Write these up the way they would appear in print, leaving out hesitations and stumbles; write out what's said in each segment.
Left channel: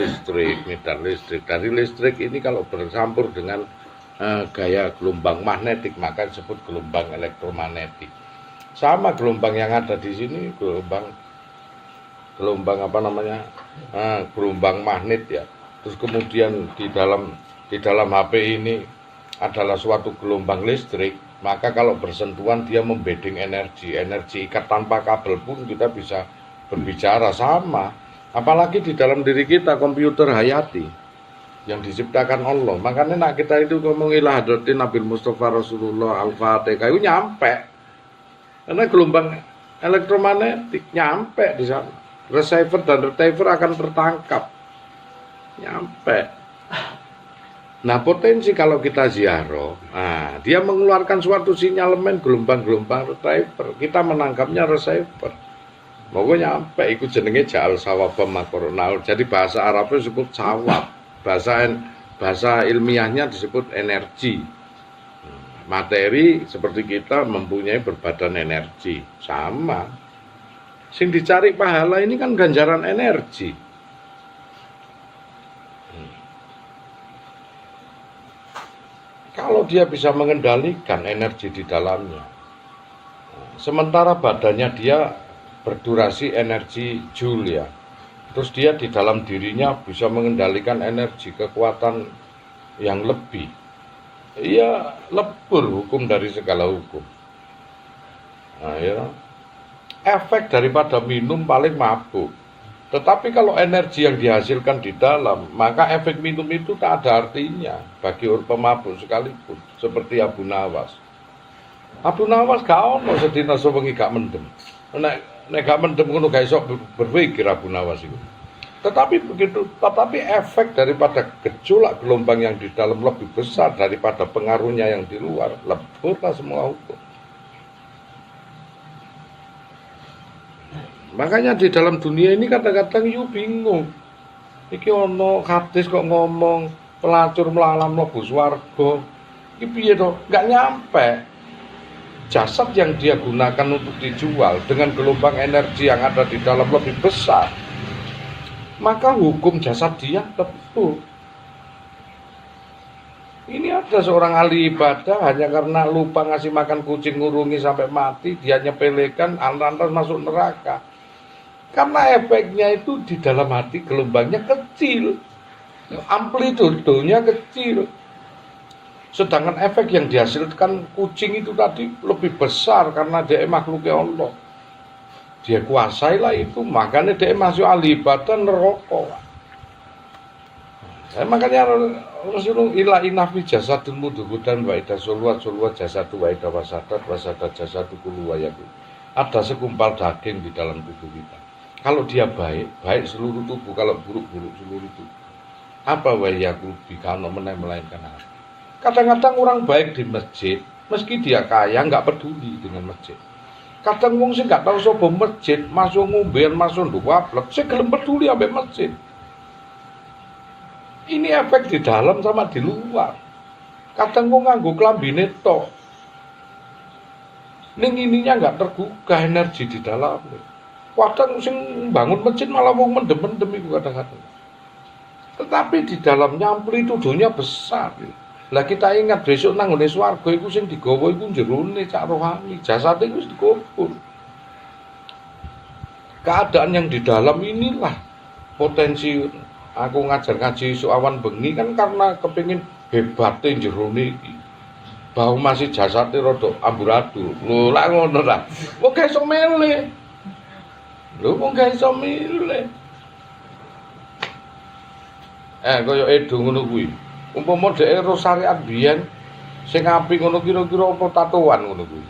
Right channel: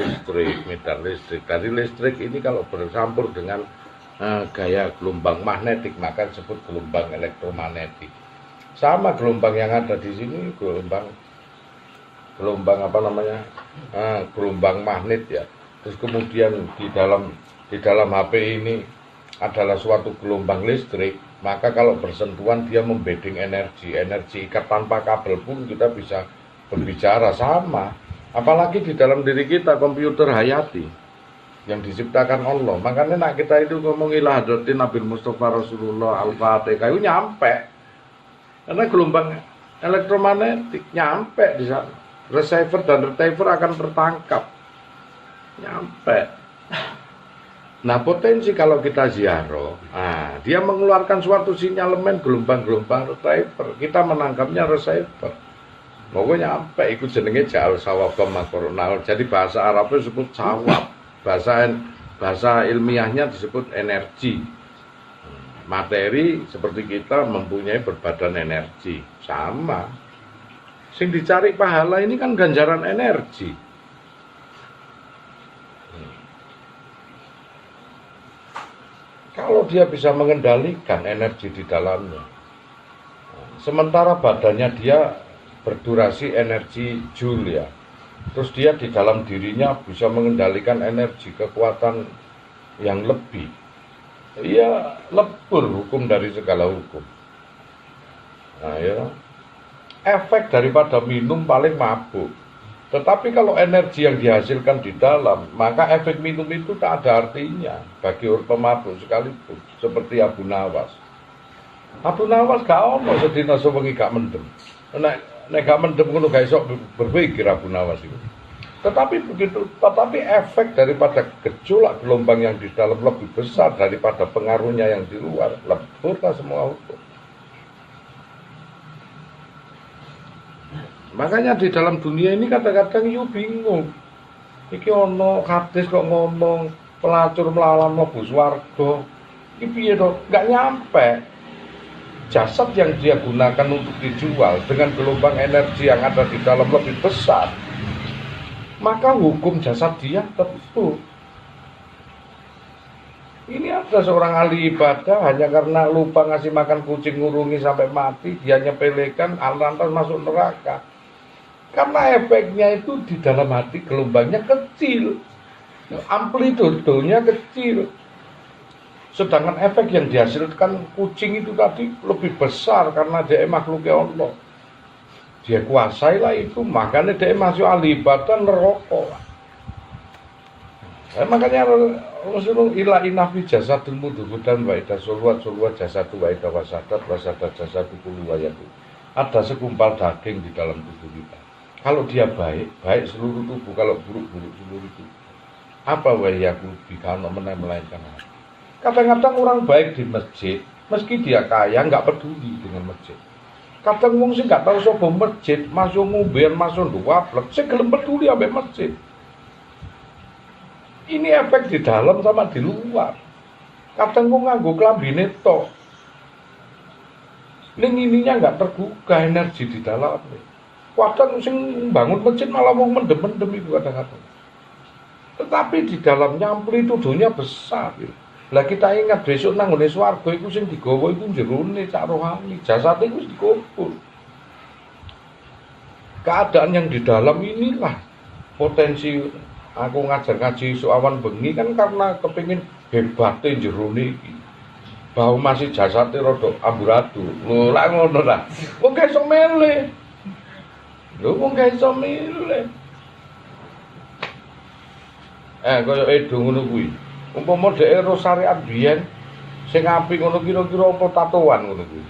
listrik. Dari listrik ini kalau bercampur dengan gaya gelombang magnetik maka disebut gelombang elektromagnetik. Sama gelombang yang ada di sini gelombang apa namanya? Gelombang magnet ya. Terus kemudian di dalam HP ini adalah suatu gelombang listrik, maka kalau bersentuhan dia membeding energi ikat tanpa kabel pun kita bisa berbicara sama. Apalagi di dalam diri kita komputer hayati yang diciptakan Allah. Makanya nak kita itu ngomong ilah hadratin Nabi Mustafa Rasulullah Al-Fatihah itu nyampe. Karena gelombang elektromagnetik nyampe di sana. Receiver dan receiver akan tertangkap. Nyampe. Nah, potensi kalau kita ziarah, dia mengeluarkan suatu sinyalemen gelombang-gelombang receiver. Kita menangkapnya receiver. Pokoknya nyampe, itu jenenge ja'al sawabam makoronal. Jadi bahasa Arabnya disebut sawab. Bahasa ilmiahnya disebut energi. Materi seperti kita mempunyai berbadan energi. Sama. Sing dicari pahala ini kan ganjaran energi. Kalau dia bisa mengendalikan energi di dalamnya. Sementara badannya dia berdurasi energi joule ya. Terus dia di dalam dirinya bisa mengendalikan energi kekuatan yang lebih. Ia lebur hukum dari segala hukum. Nah ya, efek daripada minum paling mabuk. Tetapi kalau energi yang dihasilkan di dalam, maka efek minum itu tak ada artinya bagi orang pemabuk sekalipun. Seperti Abu Nawas. Abu Nawas gak ono sedina sewengi gak mendem. Nek gak mendem ngono gak iso berpikir Abu Nawas itu. Tetapi efek daripada gejolak gelombang yang di dalam lebih besar daripada pengaruhnya yang di luar, leburlah semua hukum. Makanya di dalam dunia ini kadang-kadang you bingung. Iki ono hadis kok ngomong pelacur melalam mlebu swarga. Iki piye to? Enggak nyampe. Jasad yang dia gunakan untuk dijual dengan gelombang energi yang ada di dalam lebih besar, maka hukum jasad dia tentu. Ini ada seorang ahli ibadah hanya karena lupa ngasih makan kucing ngurungi sampai mati, dia nyepelekan lantas masuk neraka. Karena efeknya itu di dalam hati gelombangnya kecil, amplitudenya kecil. Sedangkan efek yang dihasilkan kucing itu tadi lebih besar karena dia makhluknya Allah. Dia kuasailah itu, makanya dia masuk ahli ibadah neraka. Makanya Rasulullah inafi jasadul mudhubudan wa ida sulwat jasadu wa ida wasadat jasadu kulu wayaku. Ada segumpal daging di dalam tubuh kita. Kalau dia baik seluruh tubuh, kalau buruk seluruh tubuh. Apa wayaku bikano melainkan hati. Kadang-kadang orang baik di masjid, meski dia kaya, nggak peduli dengan masjid. Kadang wong sing nggak tahu sapa masjid, masuk ngomben, masuk nduwaplek, sing gelem peduli ambek masjid. Ini efek di dalam sama di luar. Kadang wong nganggo klambine tok. Ning ininya nggak tergugah energi di dalamnya. Kadang sing bangun masjid malah wong mendem-mendem itu kadang-kadang. Tetapi di dalamnya amplitudonya besar. Lah kita ingat besok nang ngene swarga iku sing digawa iku jerone cak rohani, jasate iku dikubur. Keadaan yang di dalam inilah potensi aku ngajar ngaji awan bengi kan karena kepingin hebate jerone iki. Bahwa masih jasate rada amburadul. Lho lak ngono ta. Wong gak iso milih. Kaya edo ngono kuwi. Umpama dhek ero syariat biyen sing apik ngono kira-kira apa tatoan ngono kuwi.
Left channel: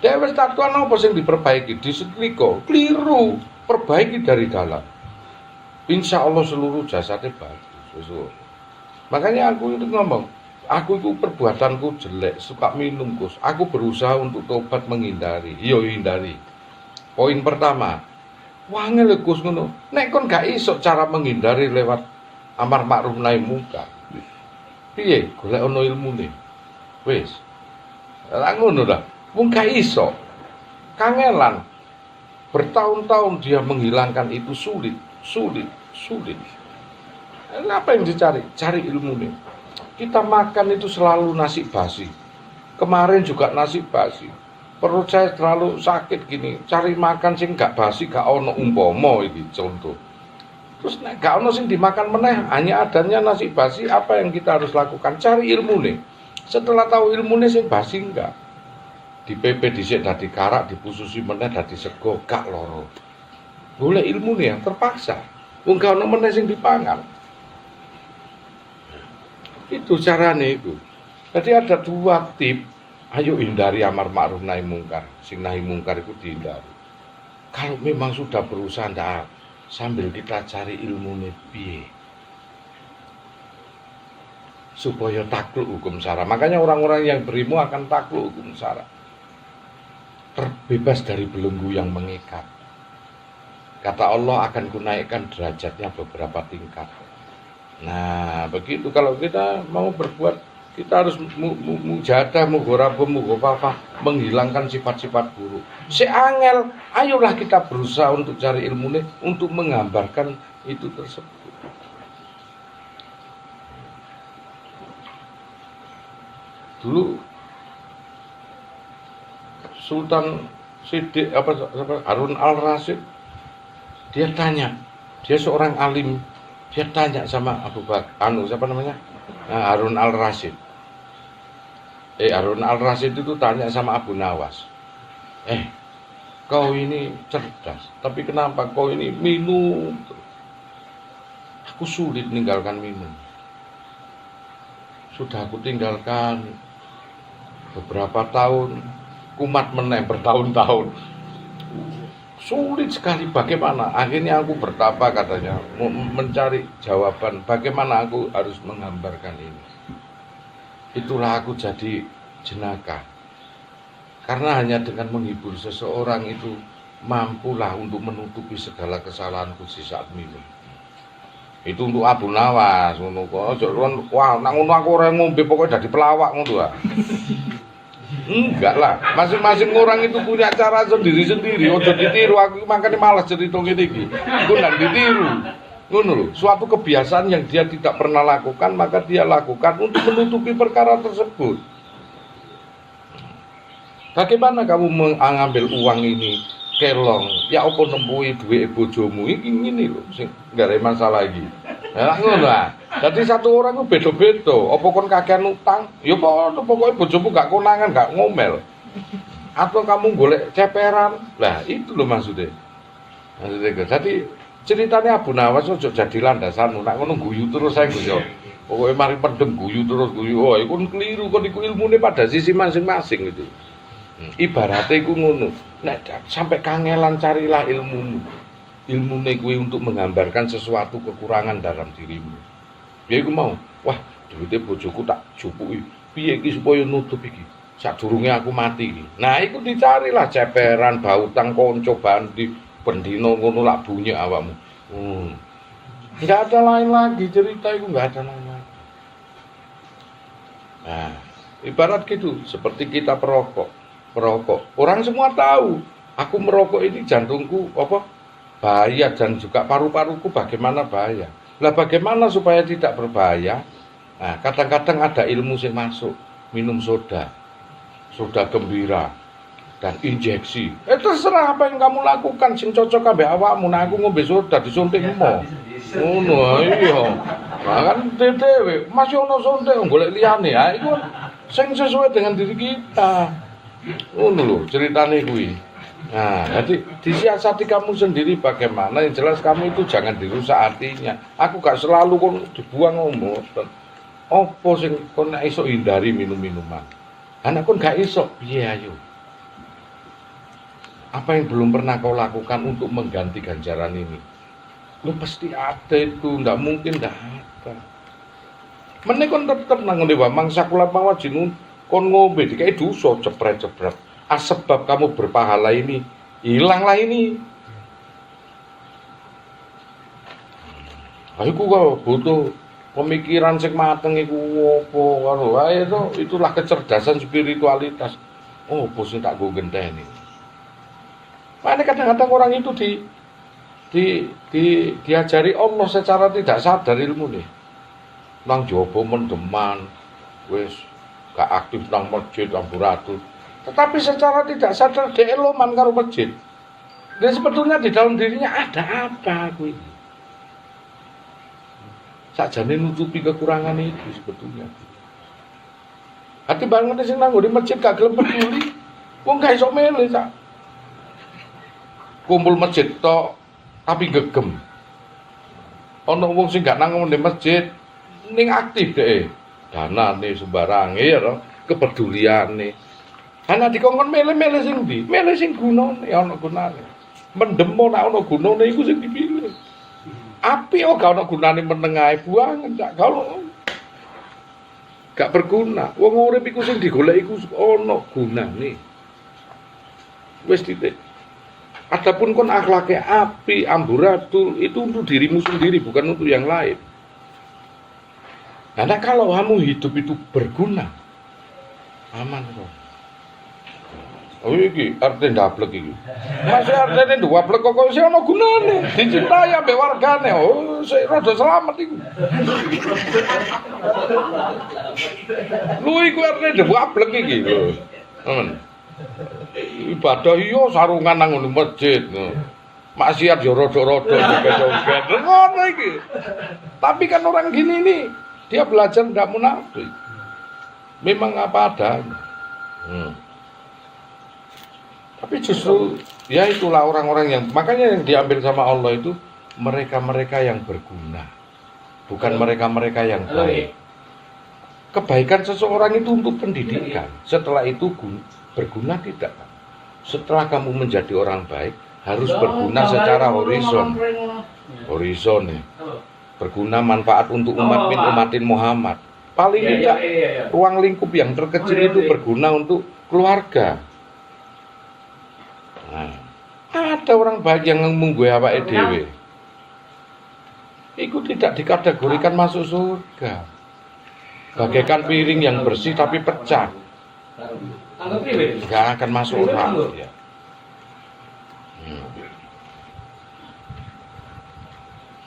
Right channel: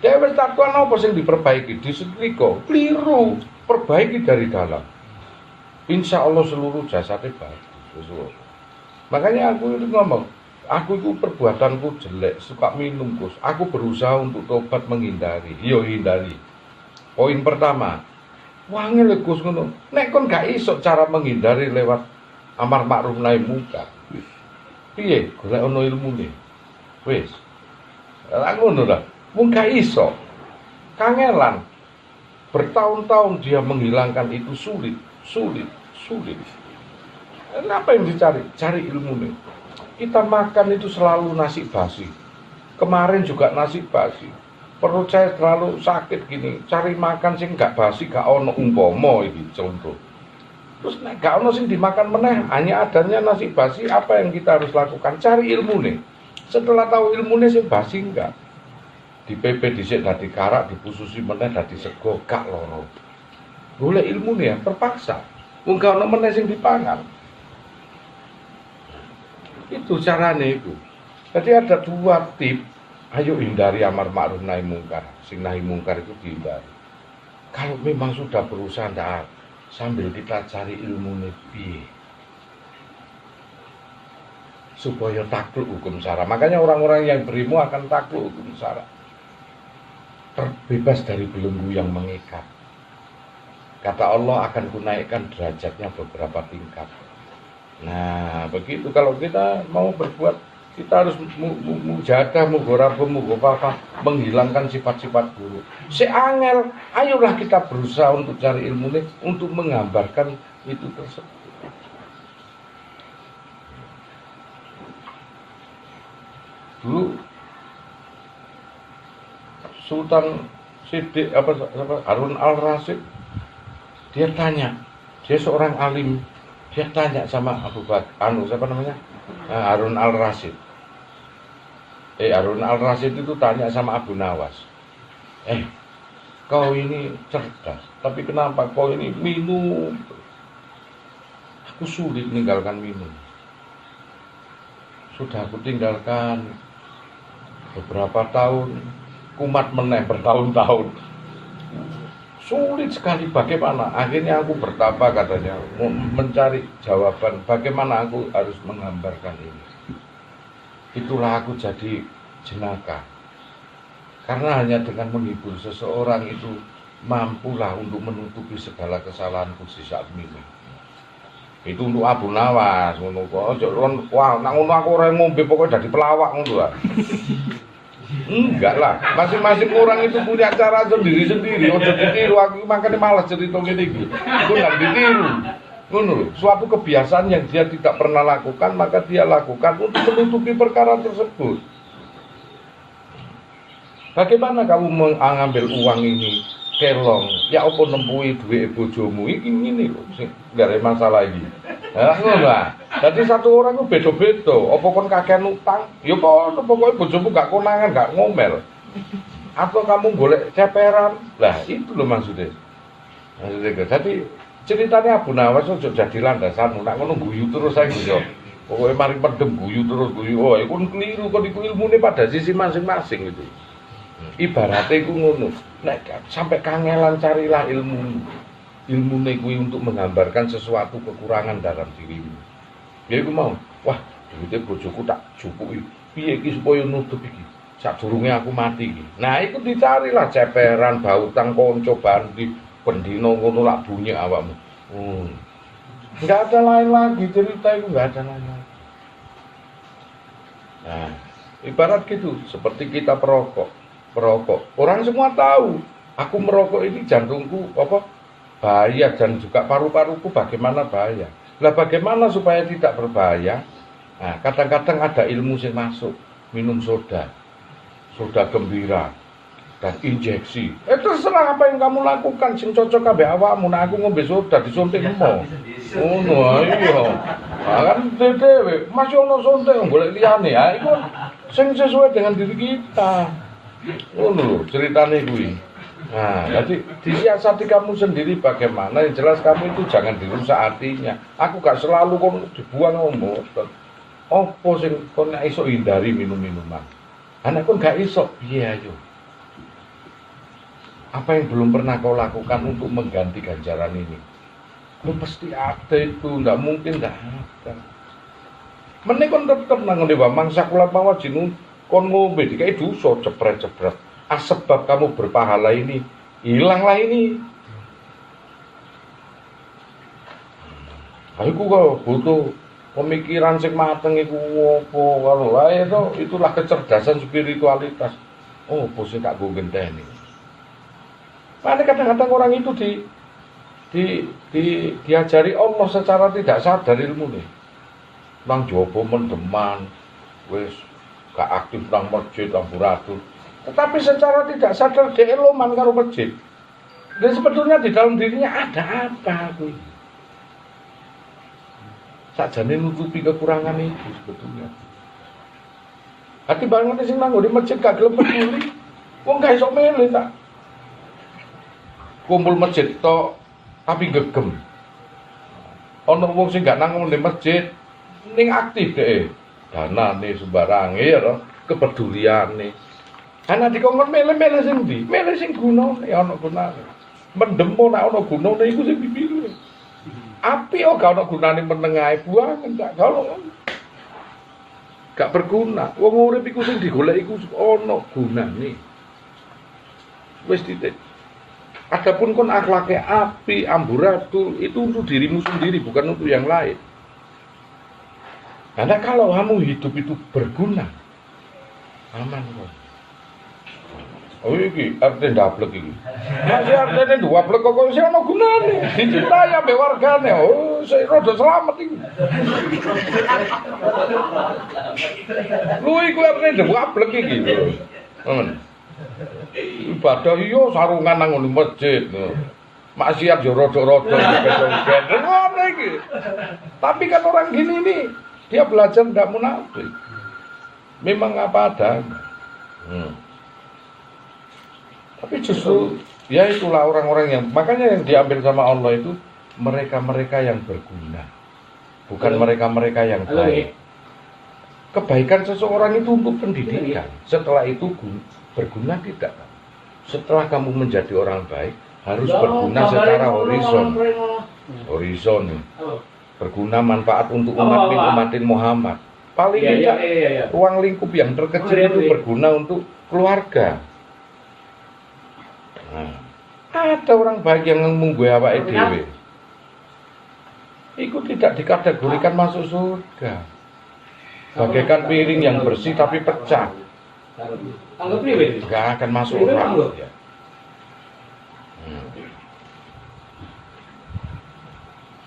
Dhek wis tatoan apa sing diperbaiki disetrika, keliru, perbaiki dari dalam. Insya Allah seluruh jasadnya bagus. Makanya aku itu ngomong, aku itu perbuatanku jelek, suka minum Gus. Aku berusaha untuk tobat menghindari. Yo hindari. Poin pertama, wangel Gus ngono. Nek kon gak iso cara menghindari lewat amar ma'ruf nahi munkar. Piye golek ono ilmune. Wis. Lah ngono lah. Mung gak iso. Kangelan. Bertahun-tahun dia menghilangkan itu sulit. Apa yang dicari? Cari ilmu nih. Kita makan itu selalu nasi basi. Kemarin juga nasi basi. Perut saya terlalu sakit gini. Cari makan sing gak basi, gak ono umpomo ini contoh. Terus gak ono sing dimakan meneh, hanya adanya nasi basi. Apa yang kita harus lakukan? Cari ilmu nih. Setelah tahu ilmu nih sing basi enggak. Di PP dhisik dadi karak, dipususi meneh dadi sego, gak loro. Boleh ilmu nih ya, terpaksa. Wong gak ono meneh sing dipangan. Itu caranya itu. Jadi ada 2 tip. Ayo hindari amar ma'ruf nahi mungkar. Sing nahi mungkar itu dihindari. Kalau memang sudah berusaha ndak, sambil kita cari ilmu piye supaya takluk hukum syara. Makanya orang-orang yang berilmu akan takluk hukum syara. Terbebas dari belenggu yang mengikat. Kata Allah akan kunaikkan derajatnya beberapa tingkat. Nah, begitu kalau kita mau berbuat, kita harus mujadah, mugharabah, mughafafah, menghilangkan sifat-sifat buruk. Seangel, ayolah kita berusaha untuk cari ilmu ini, untuk menggambarkan itu tersebut. Dulu Sultan Sidik Harun al-Rasyid, dia tanya, dia seorang alim. Dia tanya sama Abu Bakar, siapa namanya? Harun al-Rasyid. Harun al-Rasyid itu tanya sama Abu Nawas. Kau ini cerdas, tapi kenapa kau ini minum? Aku sulit meninggalkan minum. Sudah aku tinggalkan beberapa tahun, kumat meneh bertahun-tahun. Sulit sekali, bagaimana? Akhirnya aku bertapa katanya, mencari jawaban bagaimana aku harus menggambarkan ini. Itulah aku jadi jenaka. Karena hanya dengan menghibur seseorang itu mampulah untuk menutupi segala kesalahanku di saat minum. Itu untuk Abu Nawas, wah, nang ngono aku ora ngombe pokoknya jadi pelawak ngono ah. Enggak lah, masing-masing orang itu punya cara sendiri-sendiri. Ojo ditiru, aku makanya malas cerita ngene iki. Itu enggak ditiru. Ngono lho, suatu kebiasaan yang dia tidak pernah lakukan, maka dia lakukan untuk menutupi perkara tersebut. Bagaimana kamu mengambil uang ini kelong? Ya apa nembui duit bojomu iki ngene lho, sing enggak ada masalah iki. Lah ngono ah. Jadi satu orang itu beda-beda. Apa kon kakean utang? Ya pokoknya bojomu gak konangan, gak ngomel. Atau kamu golek ceperan? Lah itu loh maksudnya. Jadi ceritanya Abu Nawas ojo jadi landasan. Nak ngono guyu terus ae yo. Pokoknya mari pendem guyu terus guyu. Oh, iku keliru, kon iku ilmune pada sisi masing-masing itu. Ibaratnya iku ngono. Nek sampai kangelan carilah ilmu. Ilmune kuwi untuk menggambarkan sesuatu kekurangan dalam dirimu. Ya iku mau, wah duitnya bojoku tak jupuki. Piye iki supaya nutup iki? Sadurunge aku mati iki. Nah, iku dicarilah ceperan, bautang kanca bandi, pendino ngono lak bunyi awakmu. Enggak ada lain lagi cerita itu, enggak ada lain lagi. Nah, ibarat gitu, seperti kita perokok. Orang semua tahu, aku merokok ini jantungku bahaya dan juga paru-paruku bagaimana bahaya. Lah bagaimana supaya tidak berbahaya? Nah, kadang-kadang ada ilmu yang masuk, minum soda gembira, dan injeksi. Terserah apa yang kamu lakukan, sing cocok kabeh awakmu. Nah, aku ngombe soda disuntikmu. Ngono iya. Nah, kan dhewe masih ono suntik golek liyane. Ha iku sing sesuai dengan diri kita. Ngono lho ceritane kuwi. Nah, jadi disiasati kamu sendiri bagaimana. Yang jelas kamu itu jangan dirusak hatinya. Aku gak selalu kon dibuang ngomong. Apa sing kon iso hindari minum-minuman? Anak kon gak iso, piye ayo? Apa yang belum pernah kau lakukan untuk mengganti ganjaran ini? Lu pasti ada itu, nggak mungkin nggak ada. Meneh kon tetep nang ngene wae mangsa kula pawajin kon ngombe dikai dosa cepret-cepret. Sebab kamu berpahala ini hilanglah ini. Aku kok butuh pemikiran sing mateng iku opo karo itulah kecerdasan spiritualitas. Oh, bos tak go genteni. Karena kadang-kadang orang itu diajari Allah secara tidak sadar ilmu nih. Nang jowo mendeman, wis gak aktif nang masjid amburatur. Tetapi secara tidak sadar dia eloman karo masjid. Dan sebetulnya di dalam dirinya ada apa aku ini? Sakjane nutupi kekurangan itu sebetulnya. Hati banget sing nang ngene masjid gak gelem peduli. Wong gak iso mele sak. Kumpul masjid tok tapi gegem. Ana wong sing gak nang ngene masjid ning aktif dhek. Danane sembarange ya to, kepeduliane. Ana dikongkon mele-mele sing ndi? Mele sing gunane ana gunane. Mendemo nek ana gunane iku sing dipilih. Api gak ana gunane menengahe buangan cak kalau gak berguna. Wong urip iku sing digoleki iku ana gunane. Wis titik. Adapun kon akhlaknya api, amburatur itu untuk dirimu sendiri bukan untuk yang lain. Karena kalau kamu hidup itu berguna, aman kok. Oh iki arti ndablek iki. Masih artine ndablek kok sing ana gunane, dicintai ambek wargane. Oh, sik rada selamat iku. Lu iku artine ndablek iki. Ibadah iya sarungan nang ngene masjid. Maksiat ya rada-rada dikecok-kecok. Ngono iki. Tapi kan orang gini nih, dia belajar ndak munafik. Memang apa adanya. Tapi justru ya itulah orang-orang yang makanya yang diambil sama Allah itu mereka-mereka yang berguna. Bukan mereka-mereka yang baik. Kebaikan seseorang itu untuk pendidikan. Setelah itu berguna tidak. Setelah kamu menjadi orang baik harus berguna secara horizon. Horizon nih. Berguna manfaat untuk umatin Muhammad. Paling tidak ruang lingkup yang terkecil itu berguna untuk keluarga. Nah, ada orang baik yang munggu awake dhewe. Itu tidak dikategorikan masuk surga. Bagaikan piring yang bersih tapi pecah. Enggak akan masuk neraka. Ya.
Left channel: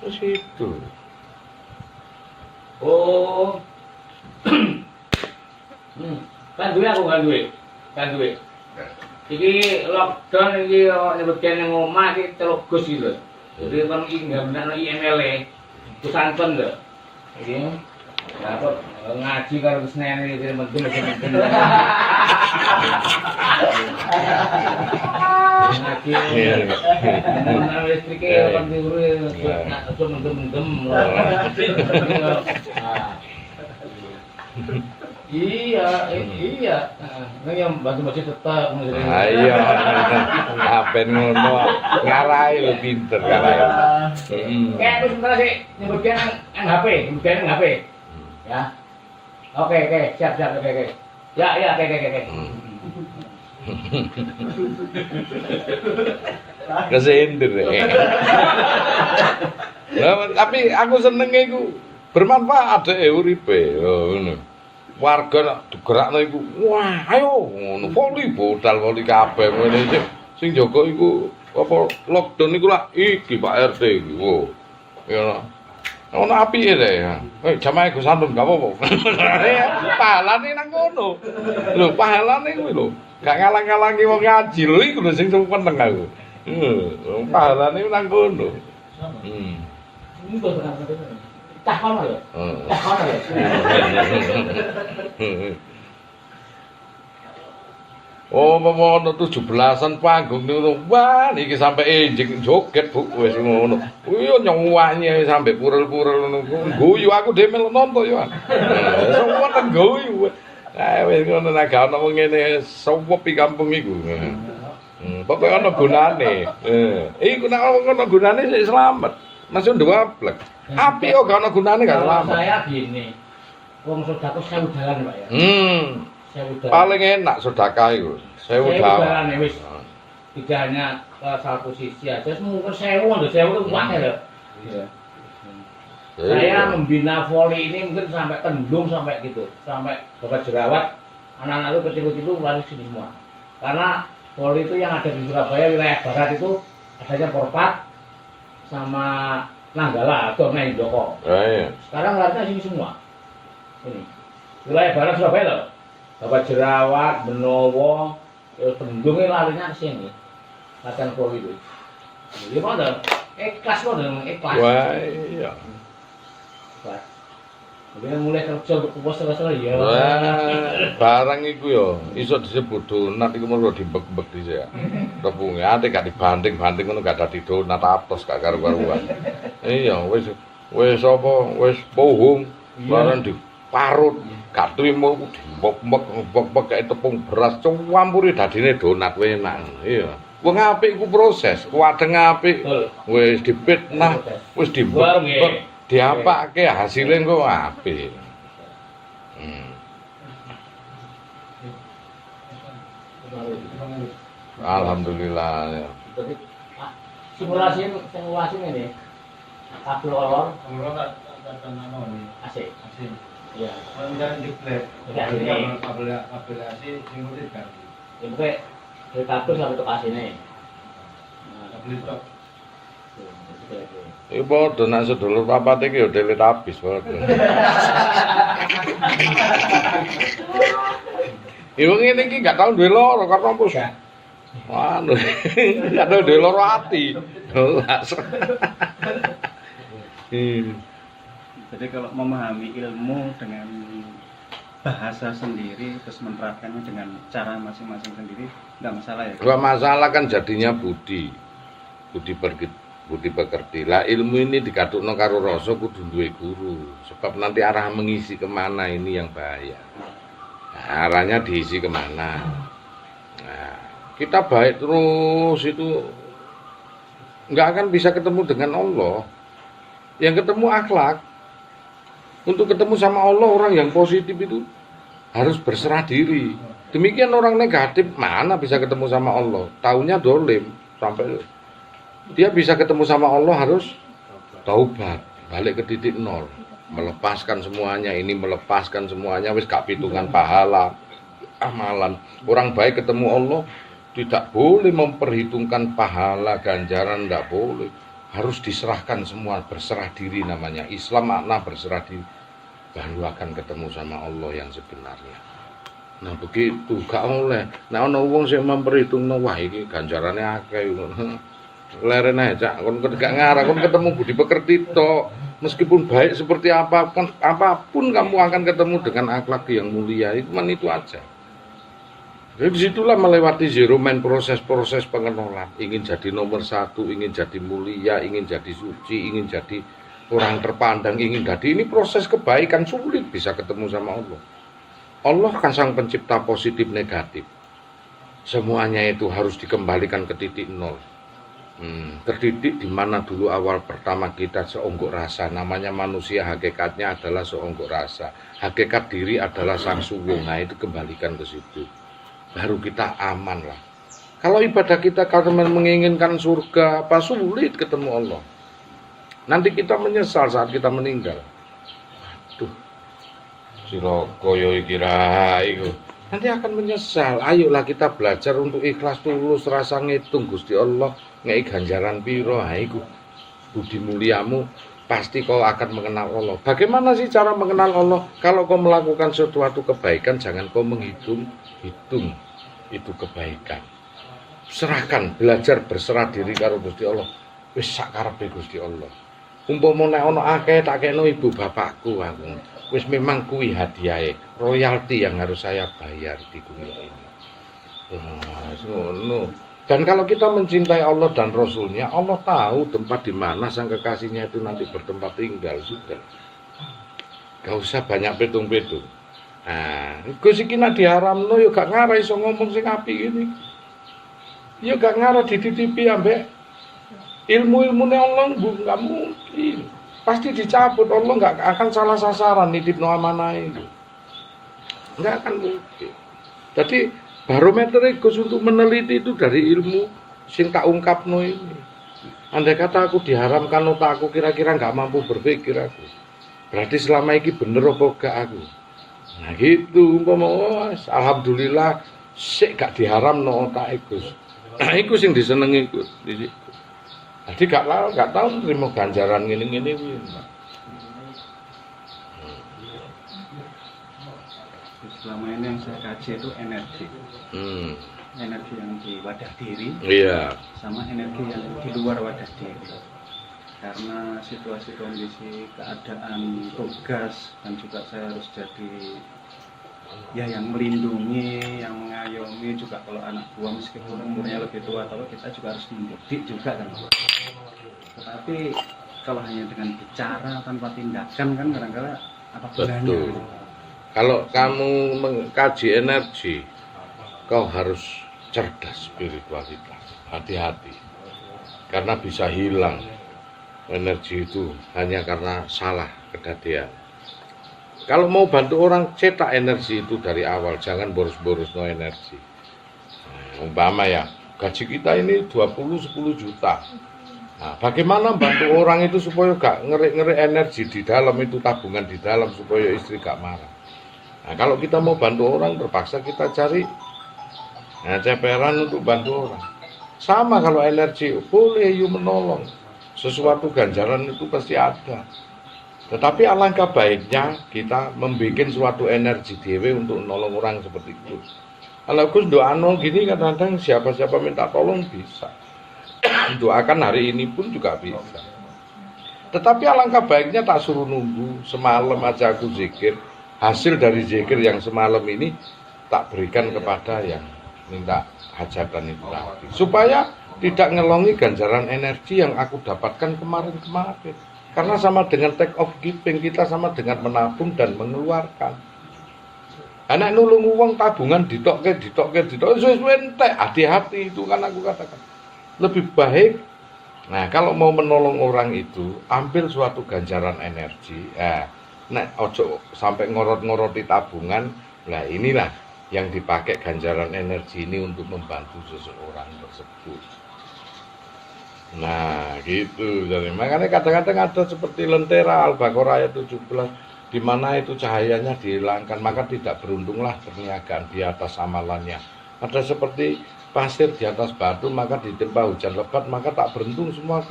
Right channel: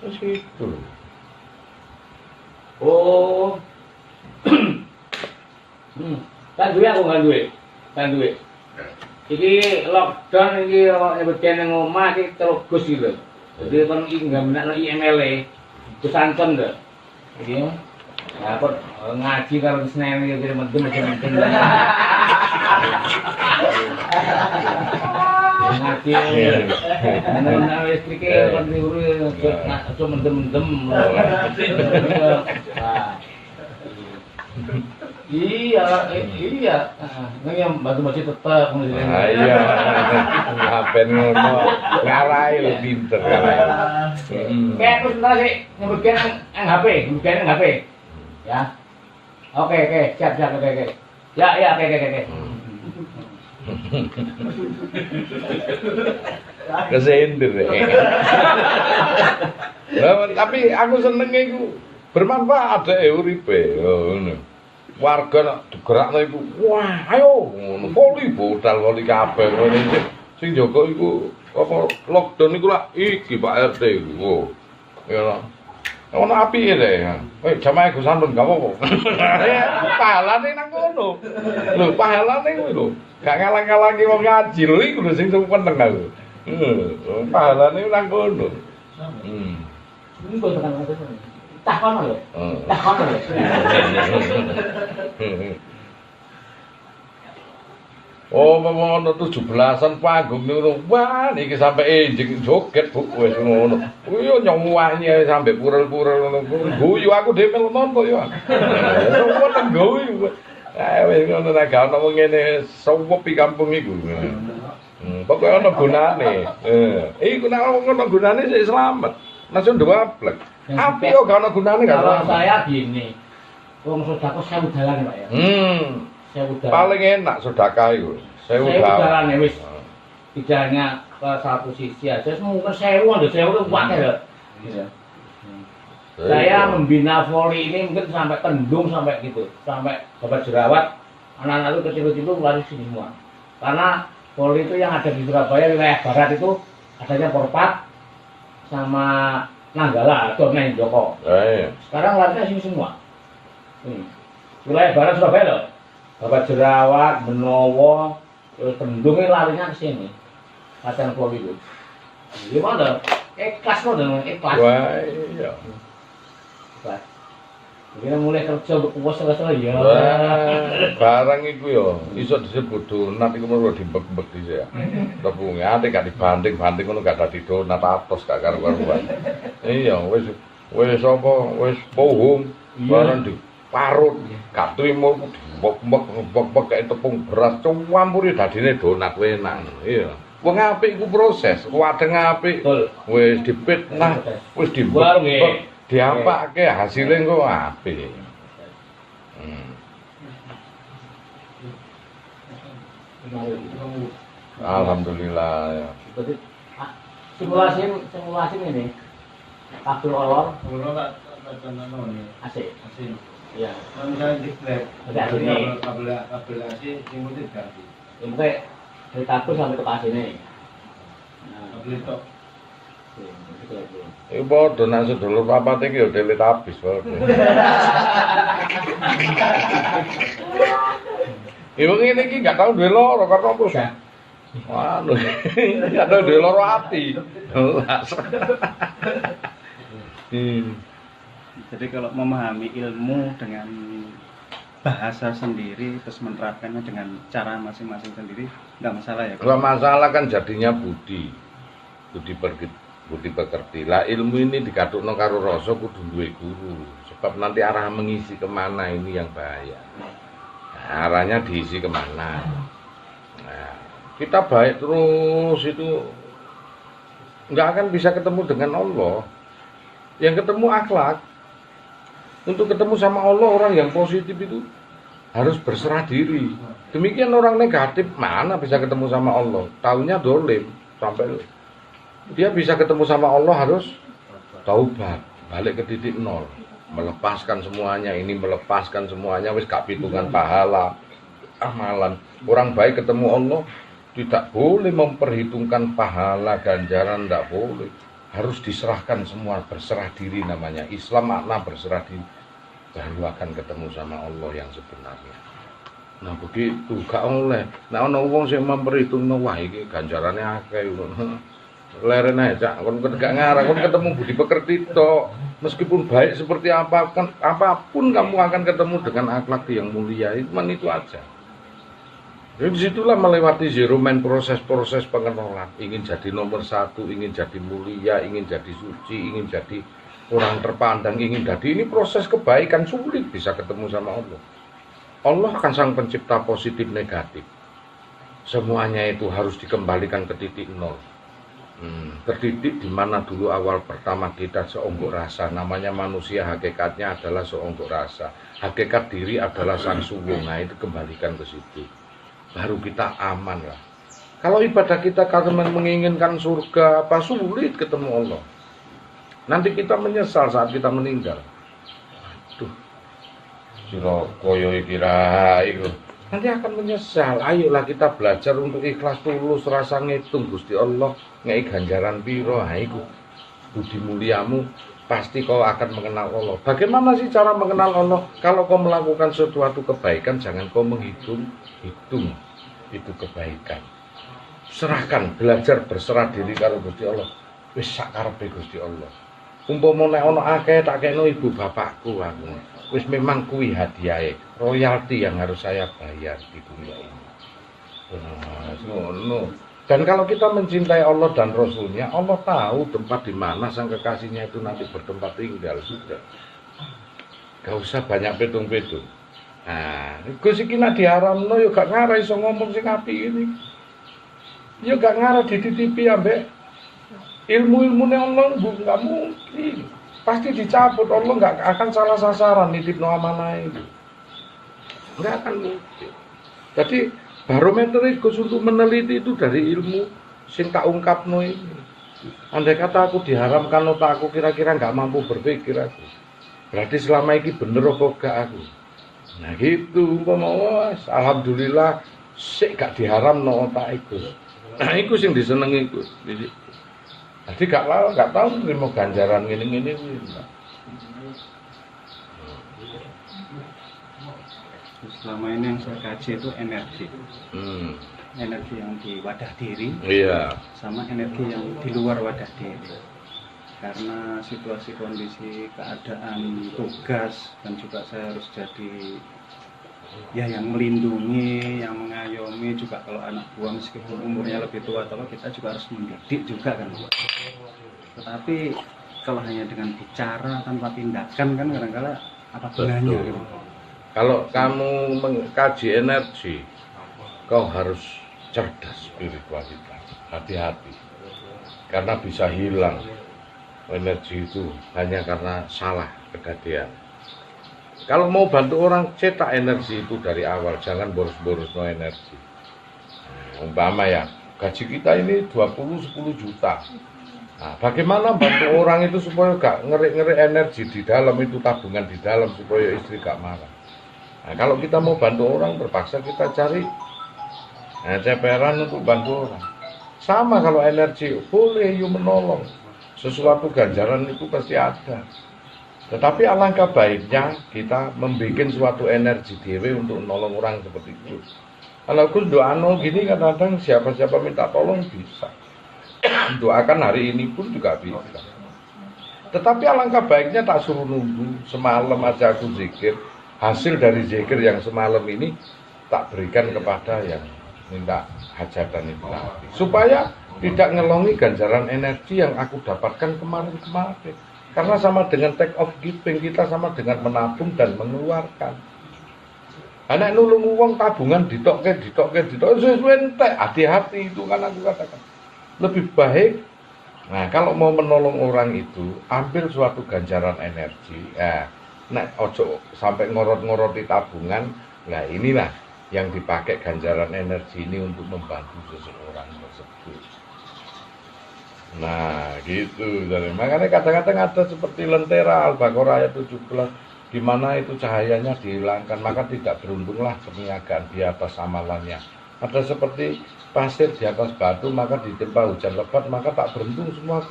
Terus itu. Oh. Kan duwe aku kan duwe. Iki lockdown iki nyebutke nang omah iki teluk Gus iki lho. Jadi kan iki nggamekno IML e. Disanten lho. Iki kok ngaji karo Senen iki mendem mesti. Ngaji. Nang listrik e kan diuru aja mendem-mendem. Iya. Ini yang bantu masih tetap. Iya. Ngapain ngono? Ngarai lo pinter kan. Kayak terus ntar sih nyebutkan HP. Ya. Oke, siap, oke. Ya, oke. Kesendir ya. Ya, tapi aku seneng iku bermanfaat deh uripe. Oh, ngono. Warga nak digerakno iku, wah, ayo ngono voli bodal kabeh ngono iki. Sing jaga iku apa lockdown iku lah iki Pak RT iku. Oh. Ya. Ono apike deh. Jamaah Gus Sampun gak apa-apa. Pahalane nang ngono. Lho, pahalane kuwi lho. Gak ngalang-alangi wong ngaji lho iku lho sing penting aku. Pahalane nang ngono. Ini kok takon lho. Oh, ngono 17-an panggung ngono. Wah, niki sampe enjing joget Bu wis ngono. Kuwi yo nyuwani sampe purel-purel ngono. Guyu aku dhewe melu nonton yo. Semua ten guyu. Wis ngono nek gak ono ngene sewep di kampung iku. Pokoke ono gunane. Iku nek ono gunane sik slamet. Masuk ndablek. Api yo gak ono gunane gak slamet. Saya gini. Wong sedekah 1000 dalan, Pak ya. Paling enak sedekah itu 1000 dalan wis. Tidak hanya ke satu sisi aja, mungkin 1000 itu kuat ya. Iya. Saya membina voli ini mungkin sampai Kendung sampai gitu, sampai Babat Jerawat, anak-anak itu kecil-kecil itu lari sini semua. Karena voli itu yang ada di Surabaya wilayah barat itu adanya Porpat, sama Nanggala atau main Joko. Iya. Sekarang larinya sini semua. Ini wilayah barat Surabaya loh. Bapak Jerawat, Benowo, terus Kendung ini larinya ke sini. Latihan voli itu. Gimana? Ikhlas loh dengan ikhlas. Wah, iya. Ikhlas. Ini mulai kerja untuk puas selesai ya. Barang iku yo iso disebut donat iku mung dibek-bek dhisik ya. Tepunge ate gak dibanting-banting ngono gak dadi donat atos gak karo-karuan. Iya, wis apa wis pohong barang diparut gak trimo dibek-bek kayak tepung beras campuri dadine donat enak. Iya. Wong apik iku proses, wadeng apik wis dipitnah, wis dibek. Diapake hasilnya kok apik. Alhamdulillah. Simulasi ini kabel olor AC. Iya. Kan diklep. Kabel AC sing putih ganti. Ini kayak dari kabel sampai ke AC ini. Kabel tok. Iku padha nang sedulur papat iki yo delit habis padha. Ibu ngene iki gak tau duwe loro karena apa sih? Anu, gak tau duwe loro ati. Jadi kalau memahami ilmu dengan bahasa sendiri terus menerapkannya dengan cara masing-masing sendiri nggak masalah ya? Gak masalah kan jadinya budi pekerti. Lah ilmu ini digadukno karo rasa kudu duwe guru. Sebab nanti arah mengisi kemana ini yang bahaya. Nah, arahnya diisi kemana. Nah, kita baik terus itu nggak akan bisa ketemu dengan Allah. Yang ketemu akhlak. Untuk ketemu sama Allah orang yang positif itu harus berserah diri. Demikian orang negatif mana bisa ketemu sama Allah? Taunya dolim sampai dia bisa ketemu sama Allah harus taubat, balik ke titik nol, melepaskan semuanya, ini melepaskan semuanya, wis gak pitungan pahala, amalan. Orang baik ketemu Allah tidak boleh memperhitungkan pahala, ganjaran, tidak boleh. Harus diserahkan semua, berserah diri namanya. Islam makna berserah diri, baru akan ketemu sama Allah yang sebenarnya. Nah begitu, gak oleh. Nah ana wong sing memperhitungno wah iki ganjarane akeh. Leren aja, kon gak ngarah, kon ketemu budi pekerti tok. Meskipun baik seperti apapun kamu akan ketemu dengan akhlak yang mulia. Itu aja. Jadi disitulah melewati zero man proses-proses pengenalan. Ingin jadi nomor satu, ingin jadi mulia, ingin jadi suci, ingin jadi orang terpandang, ingin jadi ini proses kebaikan sulit bisa ketemu sama Allah. Allah kan sang pencipta positif negatif. Semuanya itu harus dikembalikan ke titik nol. Terdidik di mana dulu awal pertama kita seonggok rasa, namanya manusia hakikatnya adalah seonggok rasa, hakikat diri adalah sang suwung. Nah itu kembalikan ke situ, baru kita aman lah. Kalau ibadah kita karena menginginkan surga, apa sulit ketemu Allah. Nanti kita menyesal saat kita meninggal. Aduh, sira koyo iki ra iku. Nanti akan menyesal. Ayolah kita belajar untuk ikhlas tulus, rasa ngitung Gusti Allah ngei ganjaran piro. Ha iku budi muliamu, pasti kau akan mengenal Allah. Bagaimana sih cara mengenal Allah? Kalau kau melakukan sesuatu kebaikan, jangan kau hitung itu kebaikan. Serahkan, belajar berserah diri karo Gusti Allah. Wis sak karepe Gusti Allah. Umpama nek ana akeh tak kena ibu bapakku aku. Wis memang kuwi hadiahe, royalti yang harus saya bayar di dunia ini. Ngono. Dan kalau kita mencintai Allah dan Rasulnya, Allah tahu tempat di mana sang kekasihnya itu nanti bertempat tinggal sudah. Gak usah banyak petung-petung. Nah, Gus iki nek diharamno ya gak ngarah iso ngomong sing apik ini. Ya gak ngarah dititipi ambek ilmu-ilmune Allah, gak mungkin. Pasti dicabut, Allah nggak akan salah sasaran nitip no amanah itu, nggak akan mungkin. Jadi barometer Gus untuk meneliti itu dari ilmu sing tak ungkapno ini. Andai kata aku diharamkan otak aku kira-kira nggak mampu berpikir aku, berarti selama ini bener apa gak aku. Nah gitu umpama alhamdulillah sik gak diharam no otak Gus. Nah iku sing disenengi Gus. Jadi gak tahu terima ganjaran ngene-ngene kuwi. Selama ini yang saya kaji itu energi. Hmm. Energi yang di wadah diri Iya. sama energi yang di luar wadah diri. Karena situasi kondisi keadaan tugas dan juga saya harus jadi ya yang melindungi, yang mengayomi juga kalau anak buah meskipun umurnya lebih tua atau kita juga harus mendidik juga kan. Tetapi kalau hanya dengan bicara tanpa tindakan kan kadang-kadang apa gunanya Betul. gitu. Kalau kamu mengkaji energi, kau harus cerdas spiritualitas, hati-hati. Karena bisa hilang energi itu hanya karena salah kejadian. Kalau mau bantu orang, cetak energi itu dari awal, jangan boros-boros no energi. Umpama ya, gaji kita ini 10 juta. Nah, bagaimana bantu orang itu supaya gak ngeri-ngeri energi di dalam itu, tabungan di dalam supaya istri gak marah. Nah, kalau kita mau bantu orang, terpaksa kita cari ceperan untuk bantu orang. Sama kalau energi, boleh you menolong. Sesuatu ganjaran itu pasti ada. Tetapi alangkah baiknya kita membuat suatu energi dewe untuk menolong orang seperti itu. Kalau Gus doano gini kadang-kadang siapa-siapa minta tolong bisa. Doakan hari ini pun juga bisa. Tetapi alangkah baiknya tak suruh nunggu, semalam aja aku zikir. Hasil dari zikir yang semalam ini tak berikan kepada yang minta hajatan itu nanti. Supaya tidak ngelongi ganjaran energi yang aku dapatkan kemarin-kemarin. Karena sama dengan take off giving, kita sama dengan menabung dan mengeluarkan. Anak nulung uang tabungan ditokke, sesuai entek, hati-hati itu kan aku katakan. Lebih baik, nah kalau mau menolong orang itu, ambil suatu ganjaran energi. Nah, ojo sampai ngorot-ngoroti tabungan. Nah inilah yang dipakai ganjaran energi ini untuk membantu seseorang tersebut. Nah gitu, jadi makanya kadang-kadang ada seperti lentera Al-Baqarah ayat 17 di mana itu cahayanya dihilangkan, maka tidak beruntunglah perniagaan di atas amalannya. Ada seperti pasir di atas batu, maka ditimpa hujan lebat, maka tak beruntung semua.